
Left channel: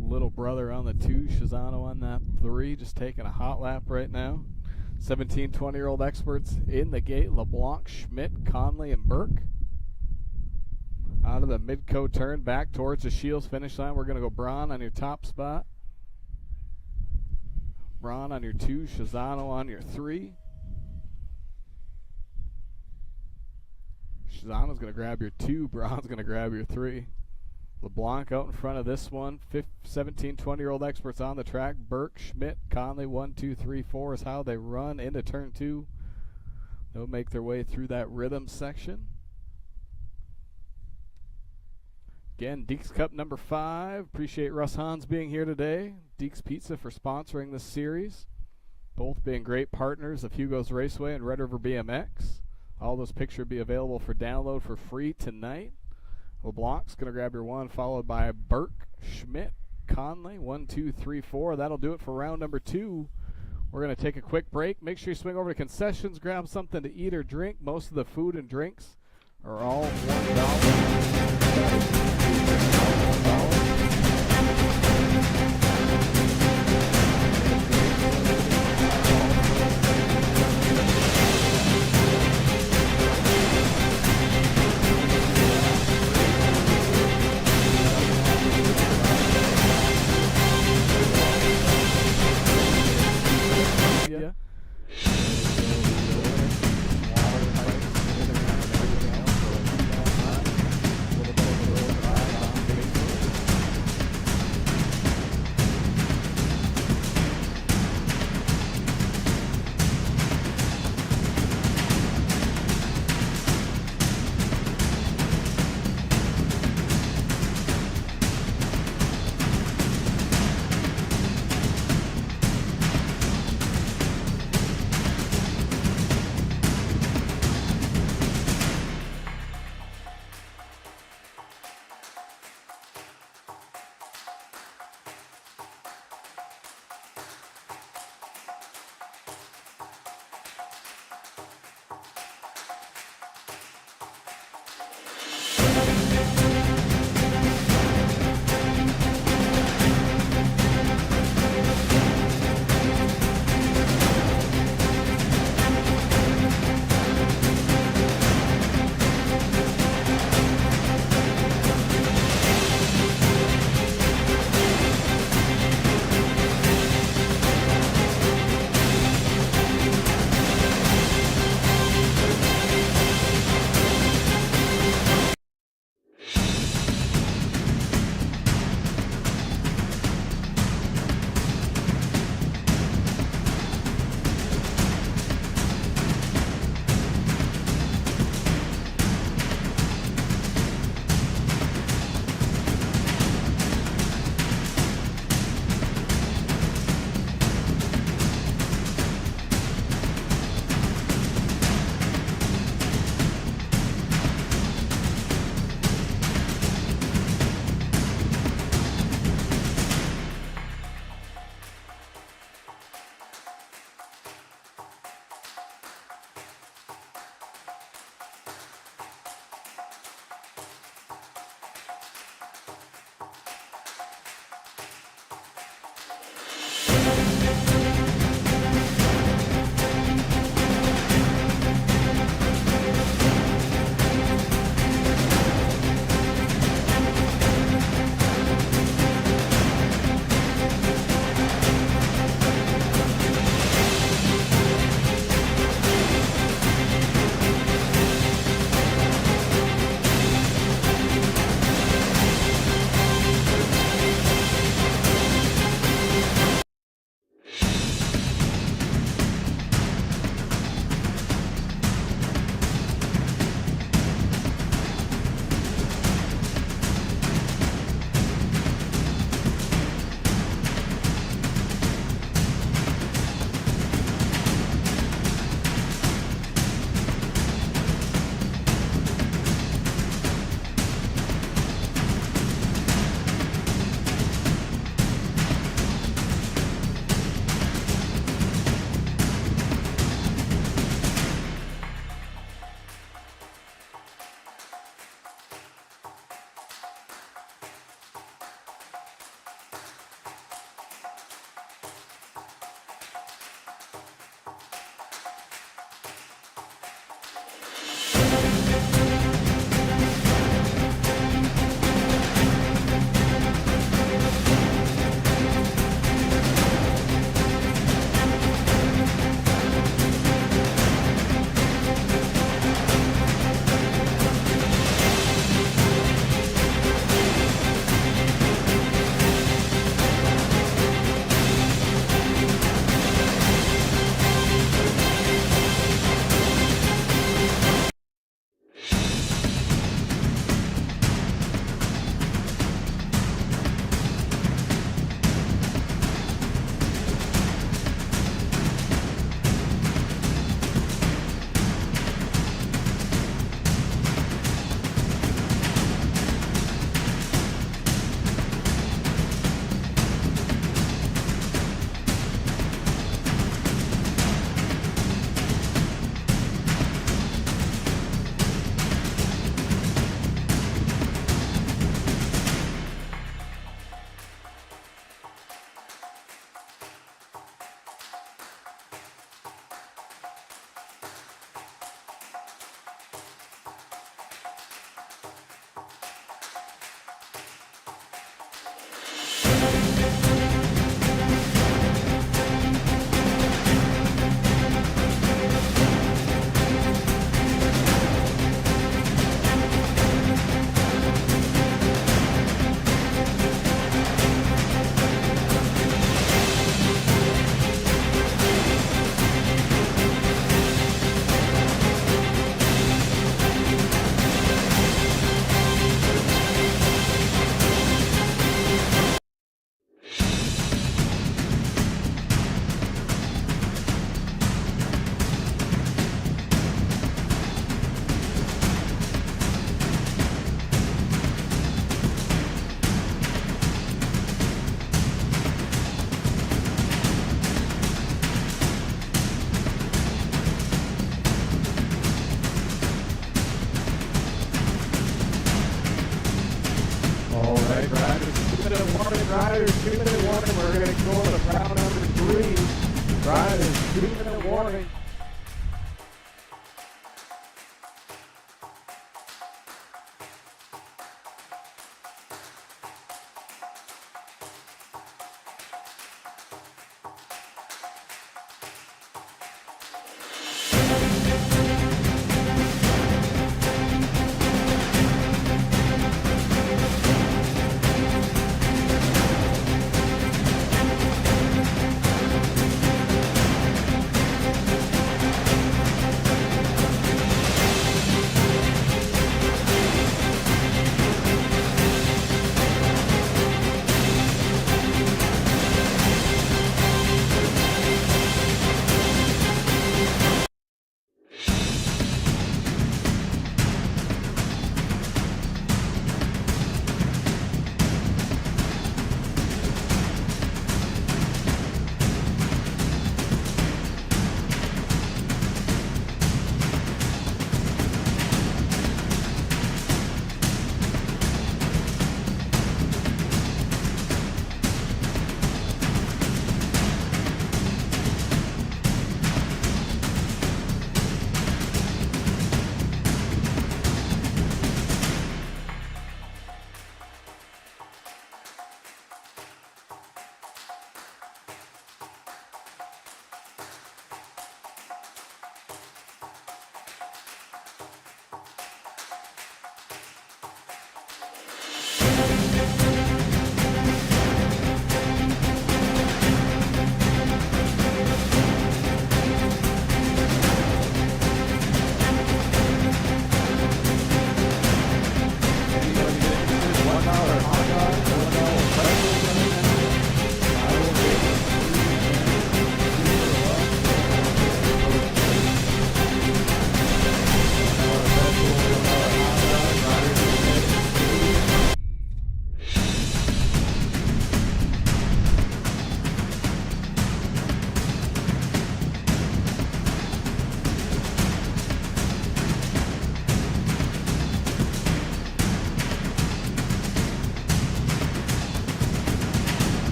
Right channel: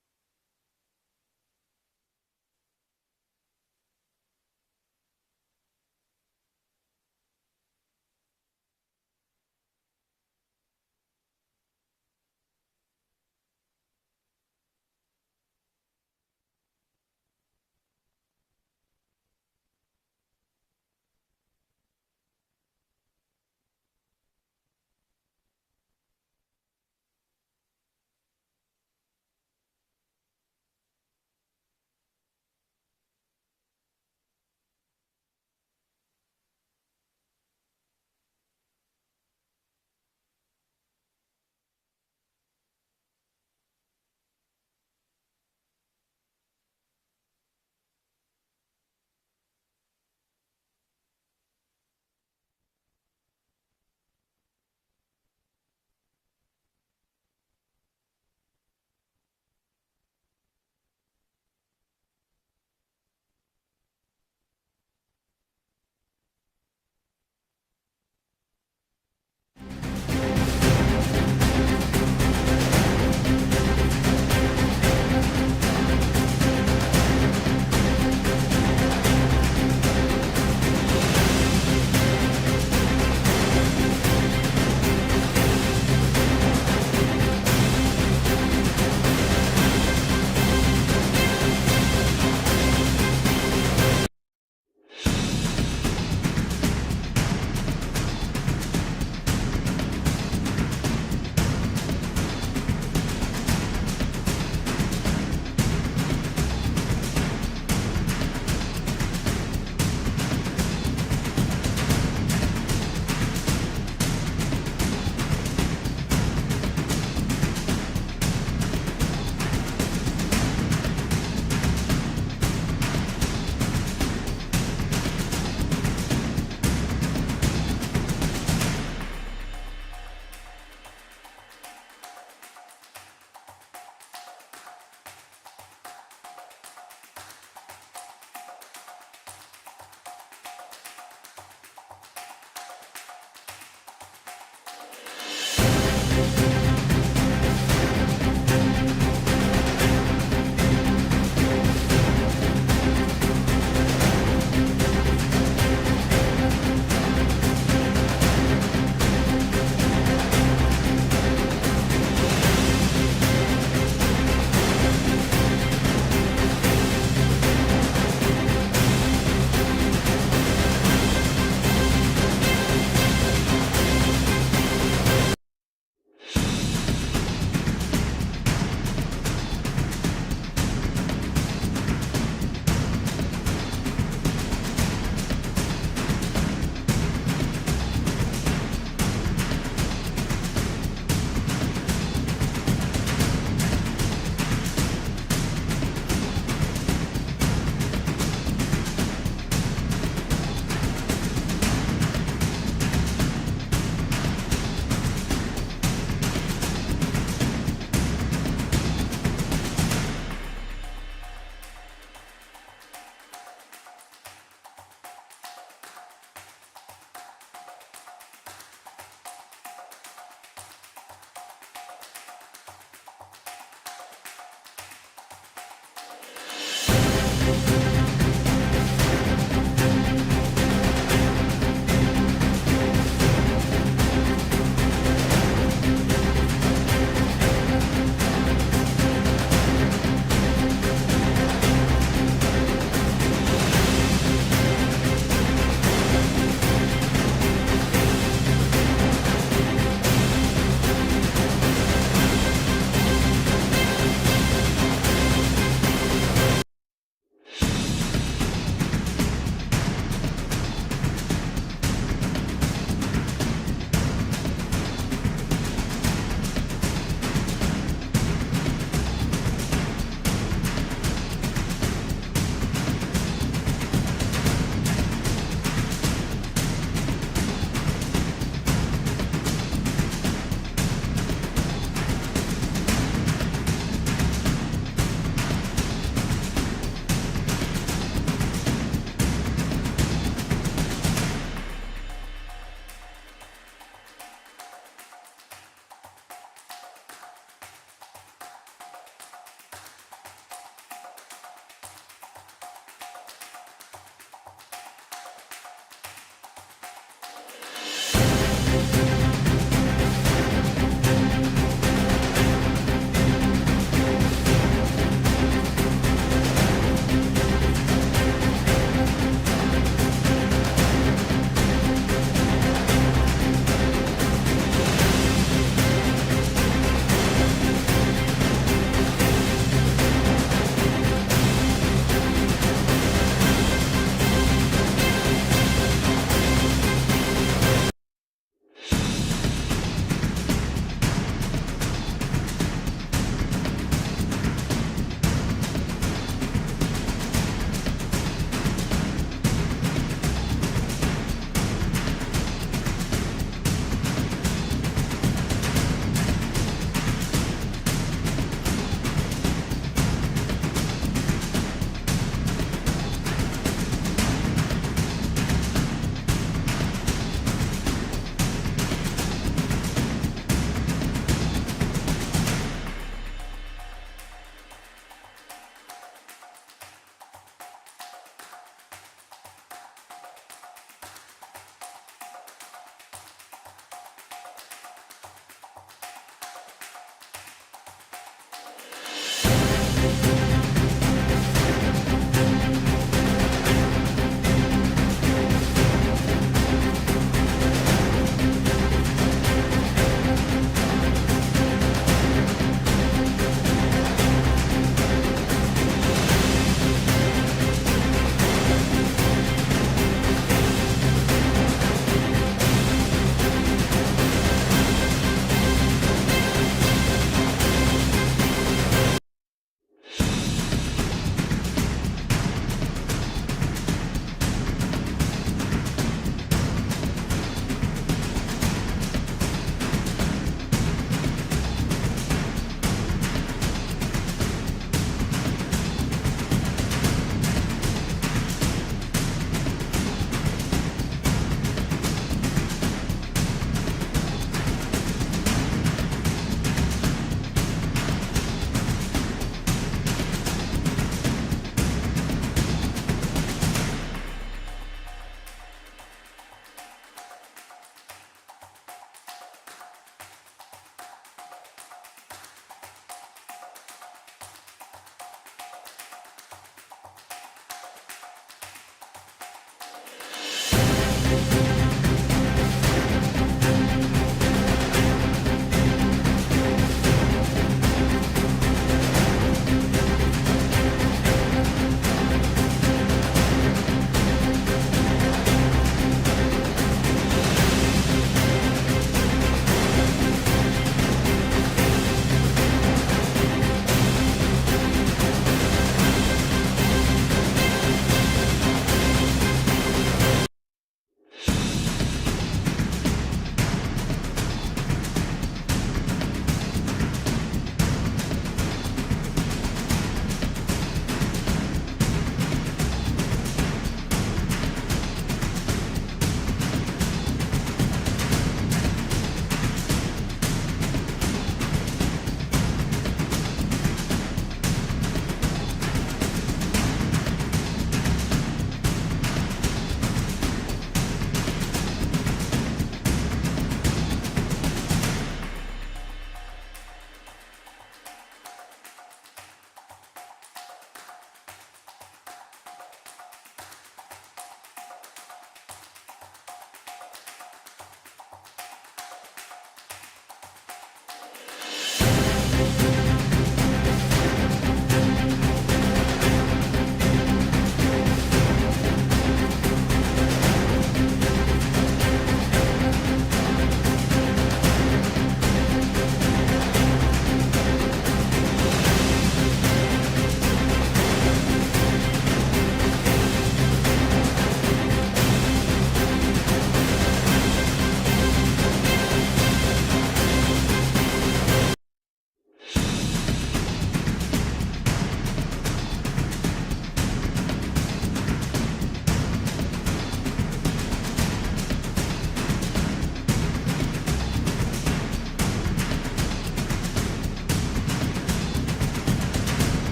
Little brother on the 2, Shizano on that 3, just taking a hot lap right now. 17, 20-year-old experts in the gate. LeBlanc, Schmidt, Conley, and Burke. Out of the Midco turn, back towards the Shields finish line. We're going to go Braun on your top spot. Braun on your 2, Shizano on your 3. Shizano's going to grab your 2, Braun's going to grab your 3. LeBlanc out in front of this one. 17, 20-year-old experts on the track. Burke, Schmidt, Conley, 1, 2, 3, 4 is how they run into turn 2. They'll make their way through that rhythm section. Again, Deeks Cup number 5. Appreciate Russ Hans being here today. Deeks Pizza for sponsoring this series. Both being great partners of Hugo's Raceway and Red River BMX. All those pictures will be available for download for free tonight. LeBlanc's going to grab your 1, followed by Burke, Schmidt, Conley, 1, 2, 3, 4. That'll do it for round number 2. We're going to take a quick break. Make sure you swing over to concessions, grab something to eat or drink. Most of the food and drinks are all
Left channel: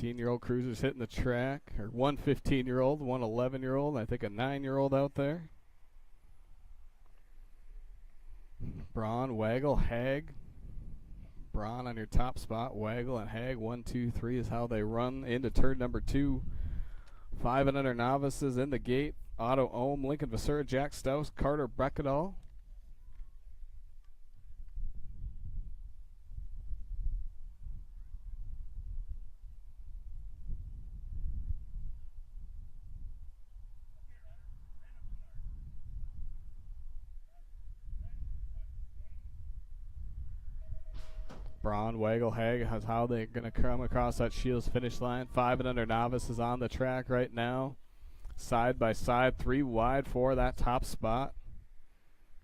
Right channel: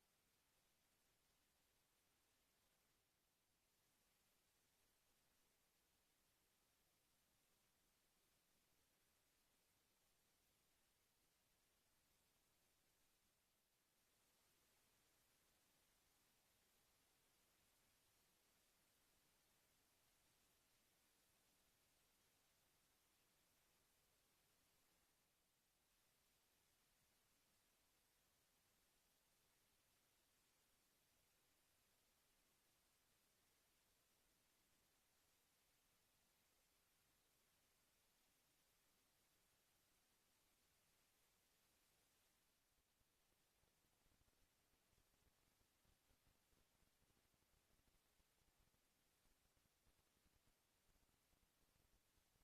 15-year-old cruisers hitting the track, or one 15-year-old, one 11-year-old, I think a 9-year-old out there. Braun, Waggle, Hag. Braun on your top spot, Waggle and Hag. 1, 2, 3 is how they run into turn number 2. 5 and under novices in the gate. Otto Ohm, Lincoln Vassura, Jack Stouse, Carter Beckedal. Braun, Waggle, Hag, is how they're going to come across that Shields finish line. 5 and under novices on the track right now. Side by side, 3 wide for that top spot.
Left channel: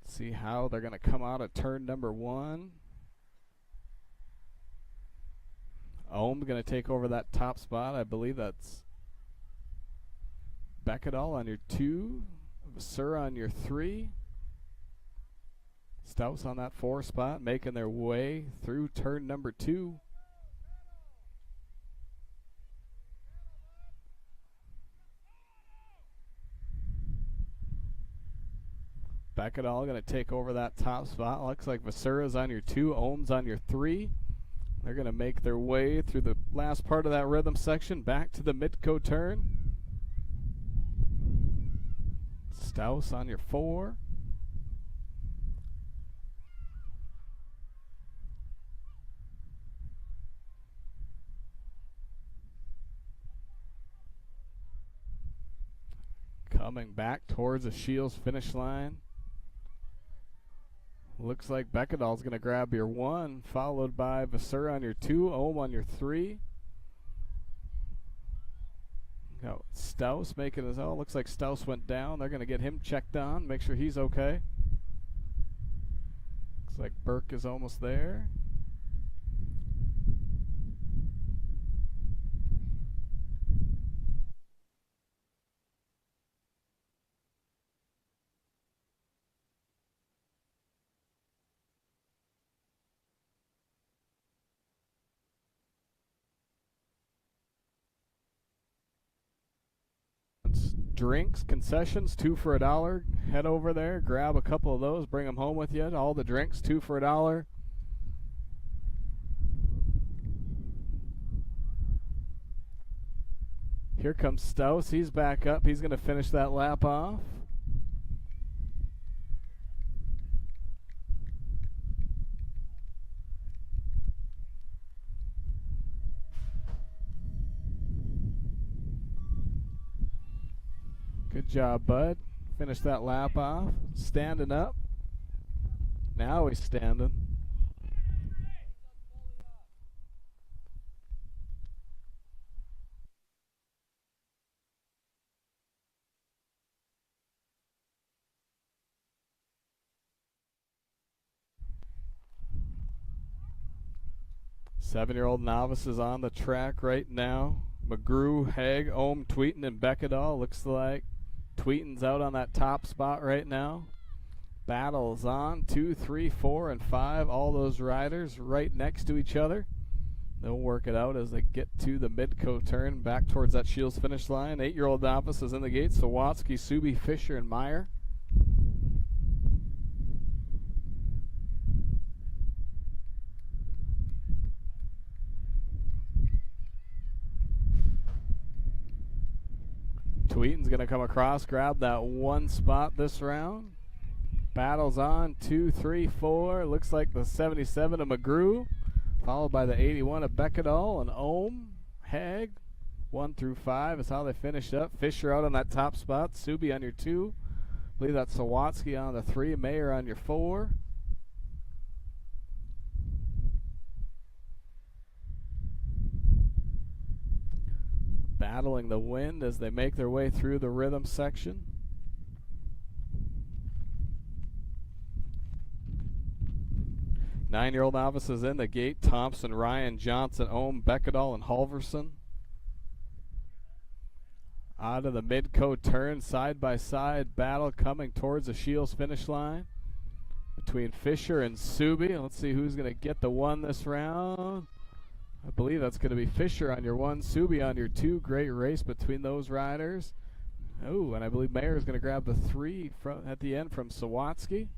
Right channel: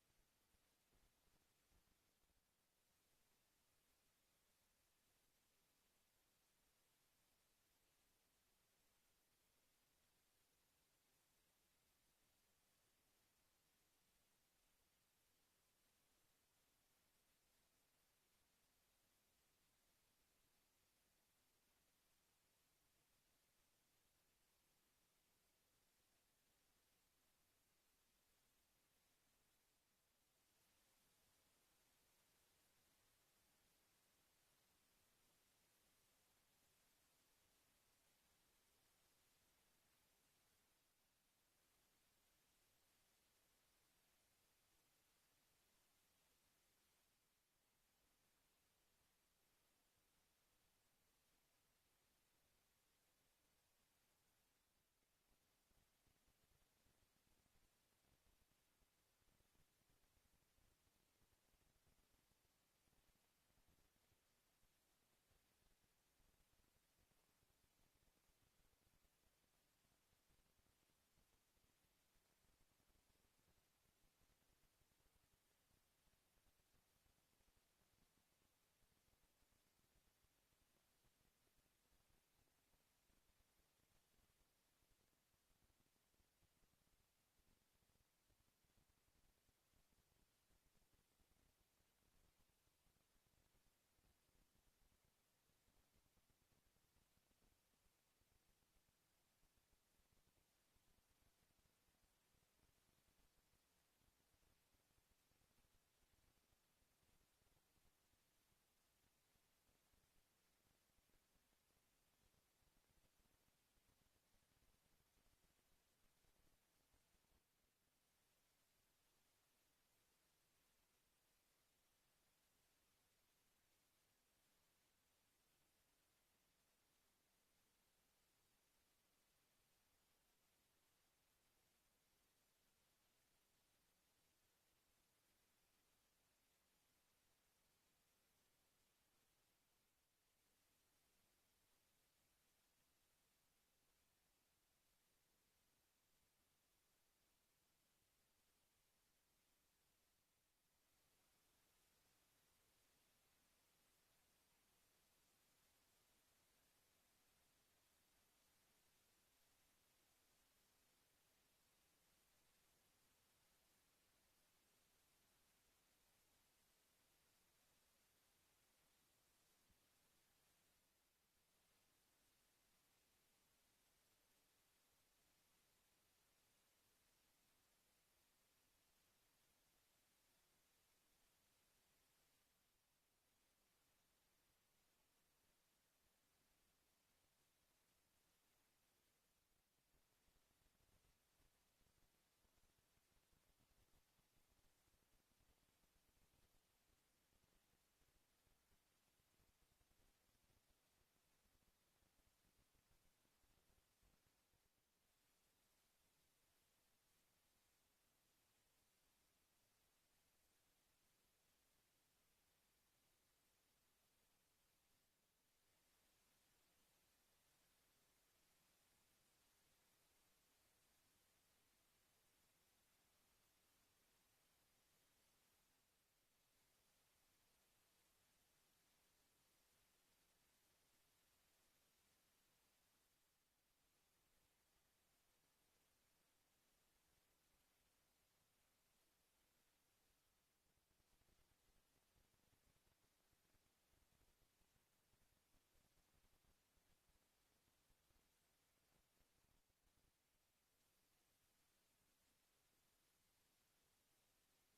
See how they're going to come out at turn number 1. Ohm going to take over that top spot. I believe that's Beckedal on your 2. Vassura on your 3. Stouse on that 4 spot, making their way through turn number 2. Beckedal going to take over that top spot. Looks like Vassura's on your 2, Ohm's on your 3. They're going to make their way through the last part of that rhythm section, back to the Midco turn. Stouse on your 4. Coming back towards the Shields finish line. Looks like Beckedal's going to grab your 1, followed by Vassura on your 2, Ohm on your 3. Got Stouse making his own. Looks like Stouse went down. They're going to get him checked on, make sure he's okay. Looks like Burke is almost there. Drinks, concessions, 2 for $1. Head over there, grab a couple of those, bring them home with you. All the drinks, 2 for $1. Here comes Stouse. He's back up. He's going to finish that lap off. Good job, bud. Finish that lap off. Standing up. Now he's standing. Seven-year-old novices on the track right now. McGrew, Hag, Ohm, Tweeten, and Beckedal. Looks like Tweeten's out on that top spot right now. Battles on 2, 3, 4, and 5. All those riders right next to each other. They'll work it out as they get to the Midco turn, back towards that Shields finish line. 8-year-old novices in the gate. Sawatsky, Subi, Fisher, and Meyer. Tweeten's going to come across, grab that 1 spot this round. Battles on 2, 3, 4. Looks like the 77 of McGrew, followed by the 81 of Beckedal and Ohm, Hag. 1 through 5 is how they finished up. Fisher out on that top spot. Subi on your 2. I believe that's Sawatsky on the 3. Mayer on your 4. Battling the wind as they make their way through the rhythm section. Nine-year-old novices in the gate. Thompson, Ryan, Johnson, Ohm, Beckedal, and Halverson. Out of the Midco turn, side by side battle coming towards the Shields finish line between Fisher and Subi. Let's see who's going to get the 1 this round. I believe that's going to be Fisher on your 1, Subi on your 2. Great race between those riders. Oh, and I believe Mayer is going to grab the 3 at the end from Sawatsky.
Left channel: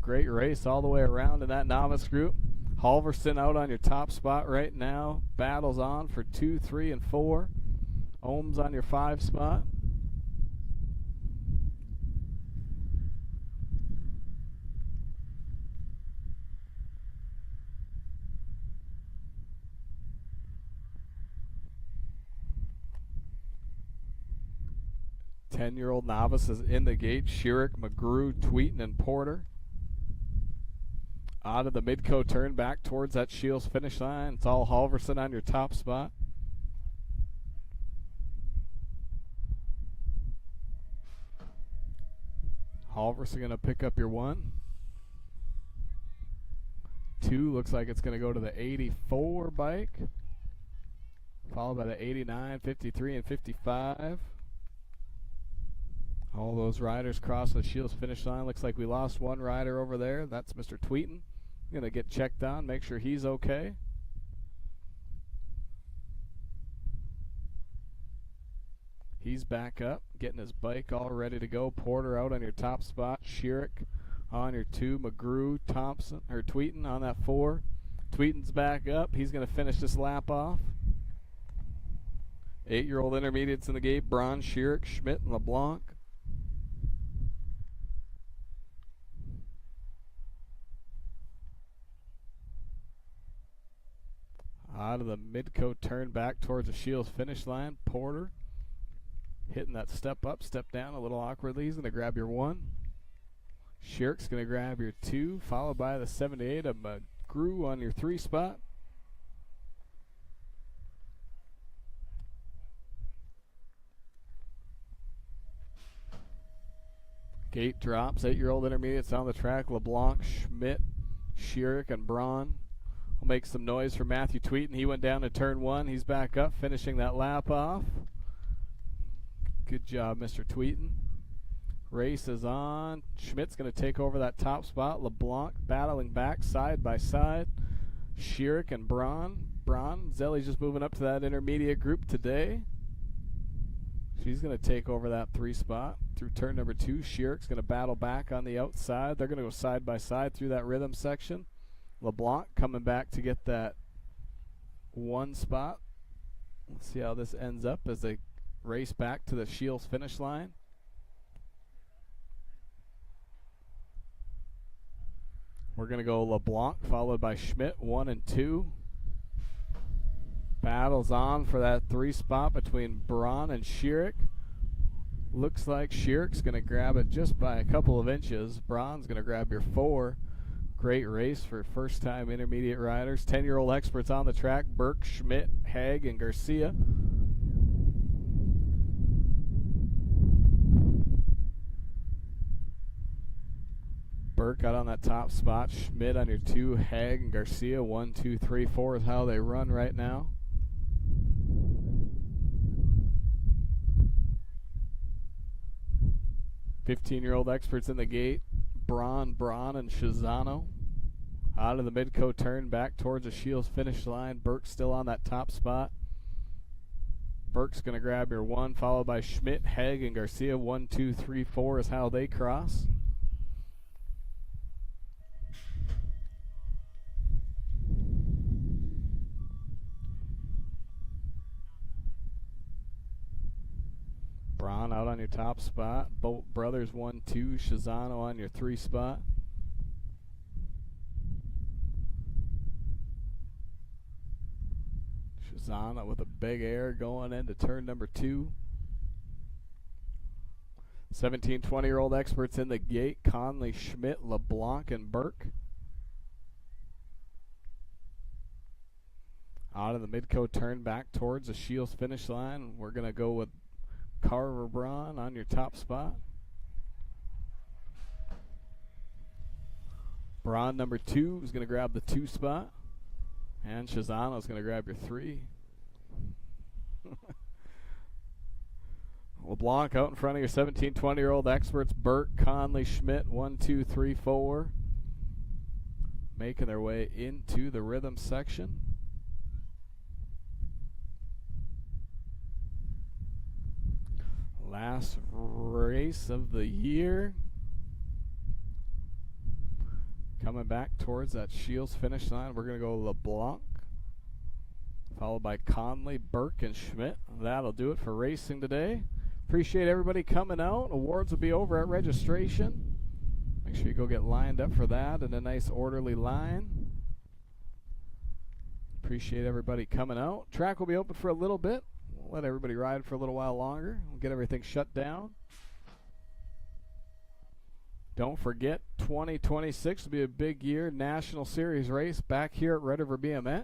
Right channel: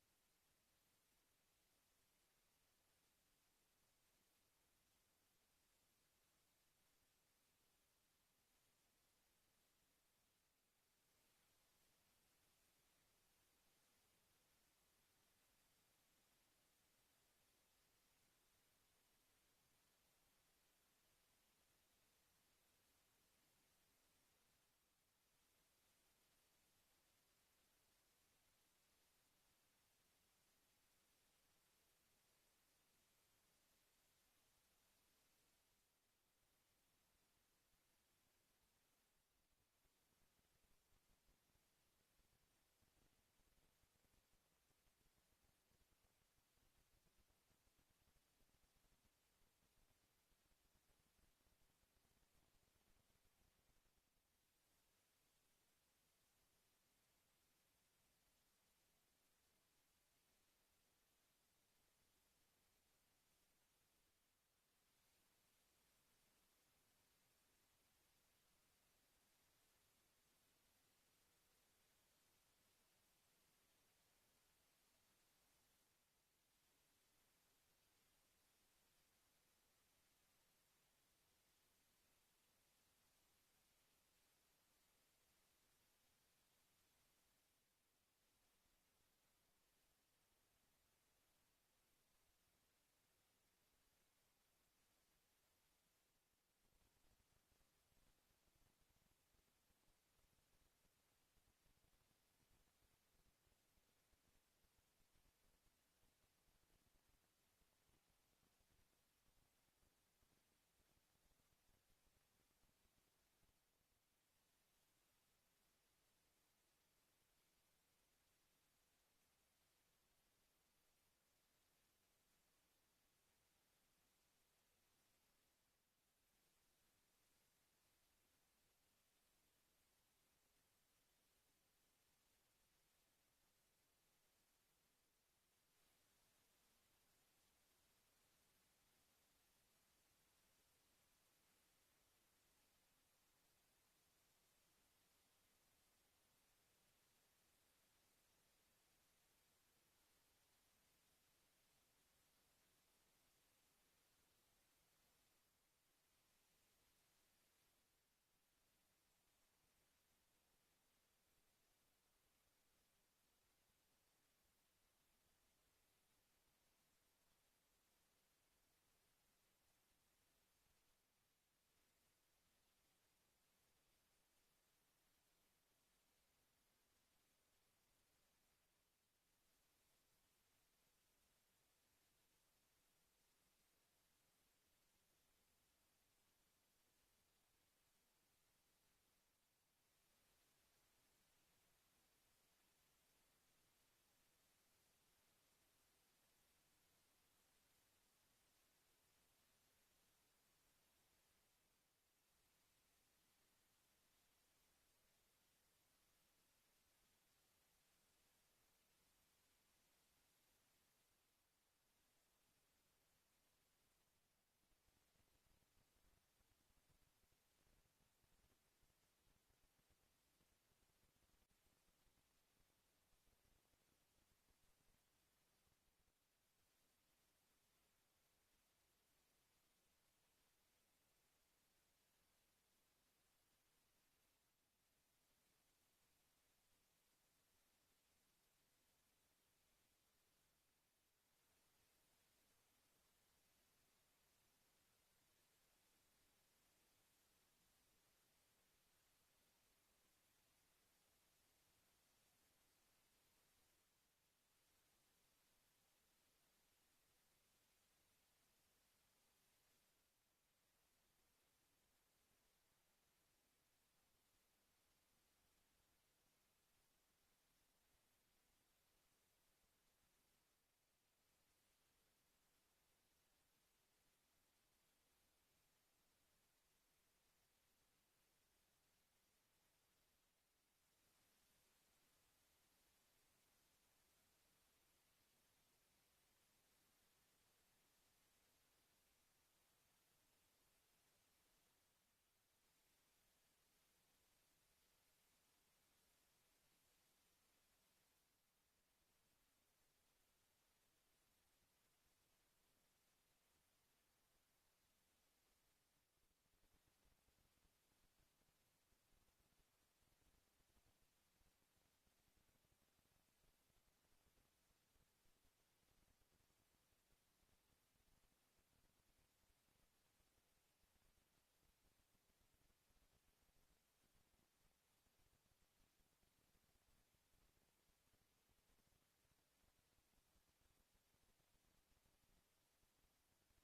Great race all the way around in that novice group. Halverson out on your top spot right now. Battles on for 2, 3, and 4. Ohms on your 5 spot. Ten-year-old novices in the gate. Schierick, McGrew, Tweeten, and Porter. Out of the Midco turn back towards that Shields finish line. It's all Halverson on your top spot. Halverson going to pick up your 1. 2 looks like it's going to go to the 84 bike. Followed by the 89, 53, and 55. All those riders cross the Shields finish line. Looks like we lost one rider over there. That's Mr. Tweeten. Going to get checked on, make sure he's okay. He's back up, getting his bike all ready to go. Porter out on your top spot. Schierick on your 2. McGrew, Thompson, or Tweeten on that 4. Tweeten's back up. He's going to finish this lap off. 8-year-old intermediates in the gate. Braun, Schierick, Schmidt, and LeBlanc. Out of the Midco turn back towards the Shields finish line. Porter hitting that step up, step down a little awkwardly. He's going to grab your 1. Schierick's going to grab your 2, followed by the 78 of McGrew on your 3 spot. Gate drops. 8-year-old intermediates on the track. LeBlanc, Schmidt, Schierick, and Braun. Will make some noise for Matthew Tweeten. He went down to turn 1. He's back up, finishing that lap off. Good job, Mr. Tweeten. Race is on. Schmidt's going to take over that top spot. LeBlanc battling back side by side. Schierick and Braun. Zelli's just moving up to that intermediate group today. She's going to take over that 3 spot through turn number 2. Schierick's going to battle back on the outside. They're going to go side by side through that rhythm section. LeBlanc coming back to get that 1 spot. Let's see how this ends up as they race back to the Shields finish line. We're going to go LeBlanc followed by Schmidt, 1 and 2. Battles on for that 3 spot between Braun and Schierick. Looks like Schierick's going to grab it just by a couple of inches. Braun's going to grab your 4. Great race for first-time intermediate riders. 10-year-old experts on the track. Burke, Schmidt, Haig, and Garcia. Burke out on that top spot. Schmidt on your 2. Haig and Garcia. 1, 2, 3, 4 is how they run right now. $15-year-old experts in the gate. Braun, and Shizano. Out of the Midco turn back towards the Shields finish line. Burke's still on that top spot. Burke's going to grab your 1, followed by Schmidt, Haig, and Garcia. 1, 2, 3, 4 is how they cross. Braun out on your top spot. Bolt Brothers 1, 2. Shizano on your 3 spot. Shizano with a big air going into turn number 2. 17, 20-year-old experts in the gate. Conley, Schmidt, LeBlanc, and Burke. Out of the Midco turn back towards the Shields finish line. We're going to go with Carver Braun on your top spot. Braun number 2 is going to grab the 2 spot. And Shizano is going to grab your 3. LeBlanc out in front of your 17, 20-year-old experts. Burke, Conley, Schmidt, 1, 2, 3, 4. Making their way into the rhythm section. Last race of the year. Coming back towards that Shields finish line, we're going to go LeBlanc, followed by Conley, Burke, and Schmidt. That'll do it for racing today. Appreciate everybody coming out. Awards will be over at registration. Make sure you go get lined up for that in a nice orderly line. Appreciate everybody coming out. Track will be open for a little bit. We'll let everybody ride for a little while longer. We'll get everything shut down. Don't forget, 2026 will be a big year. National Series race back here at Red River BMX.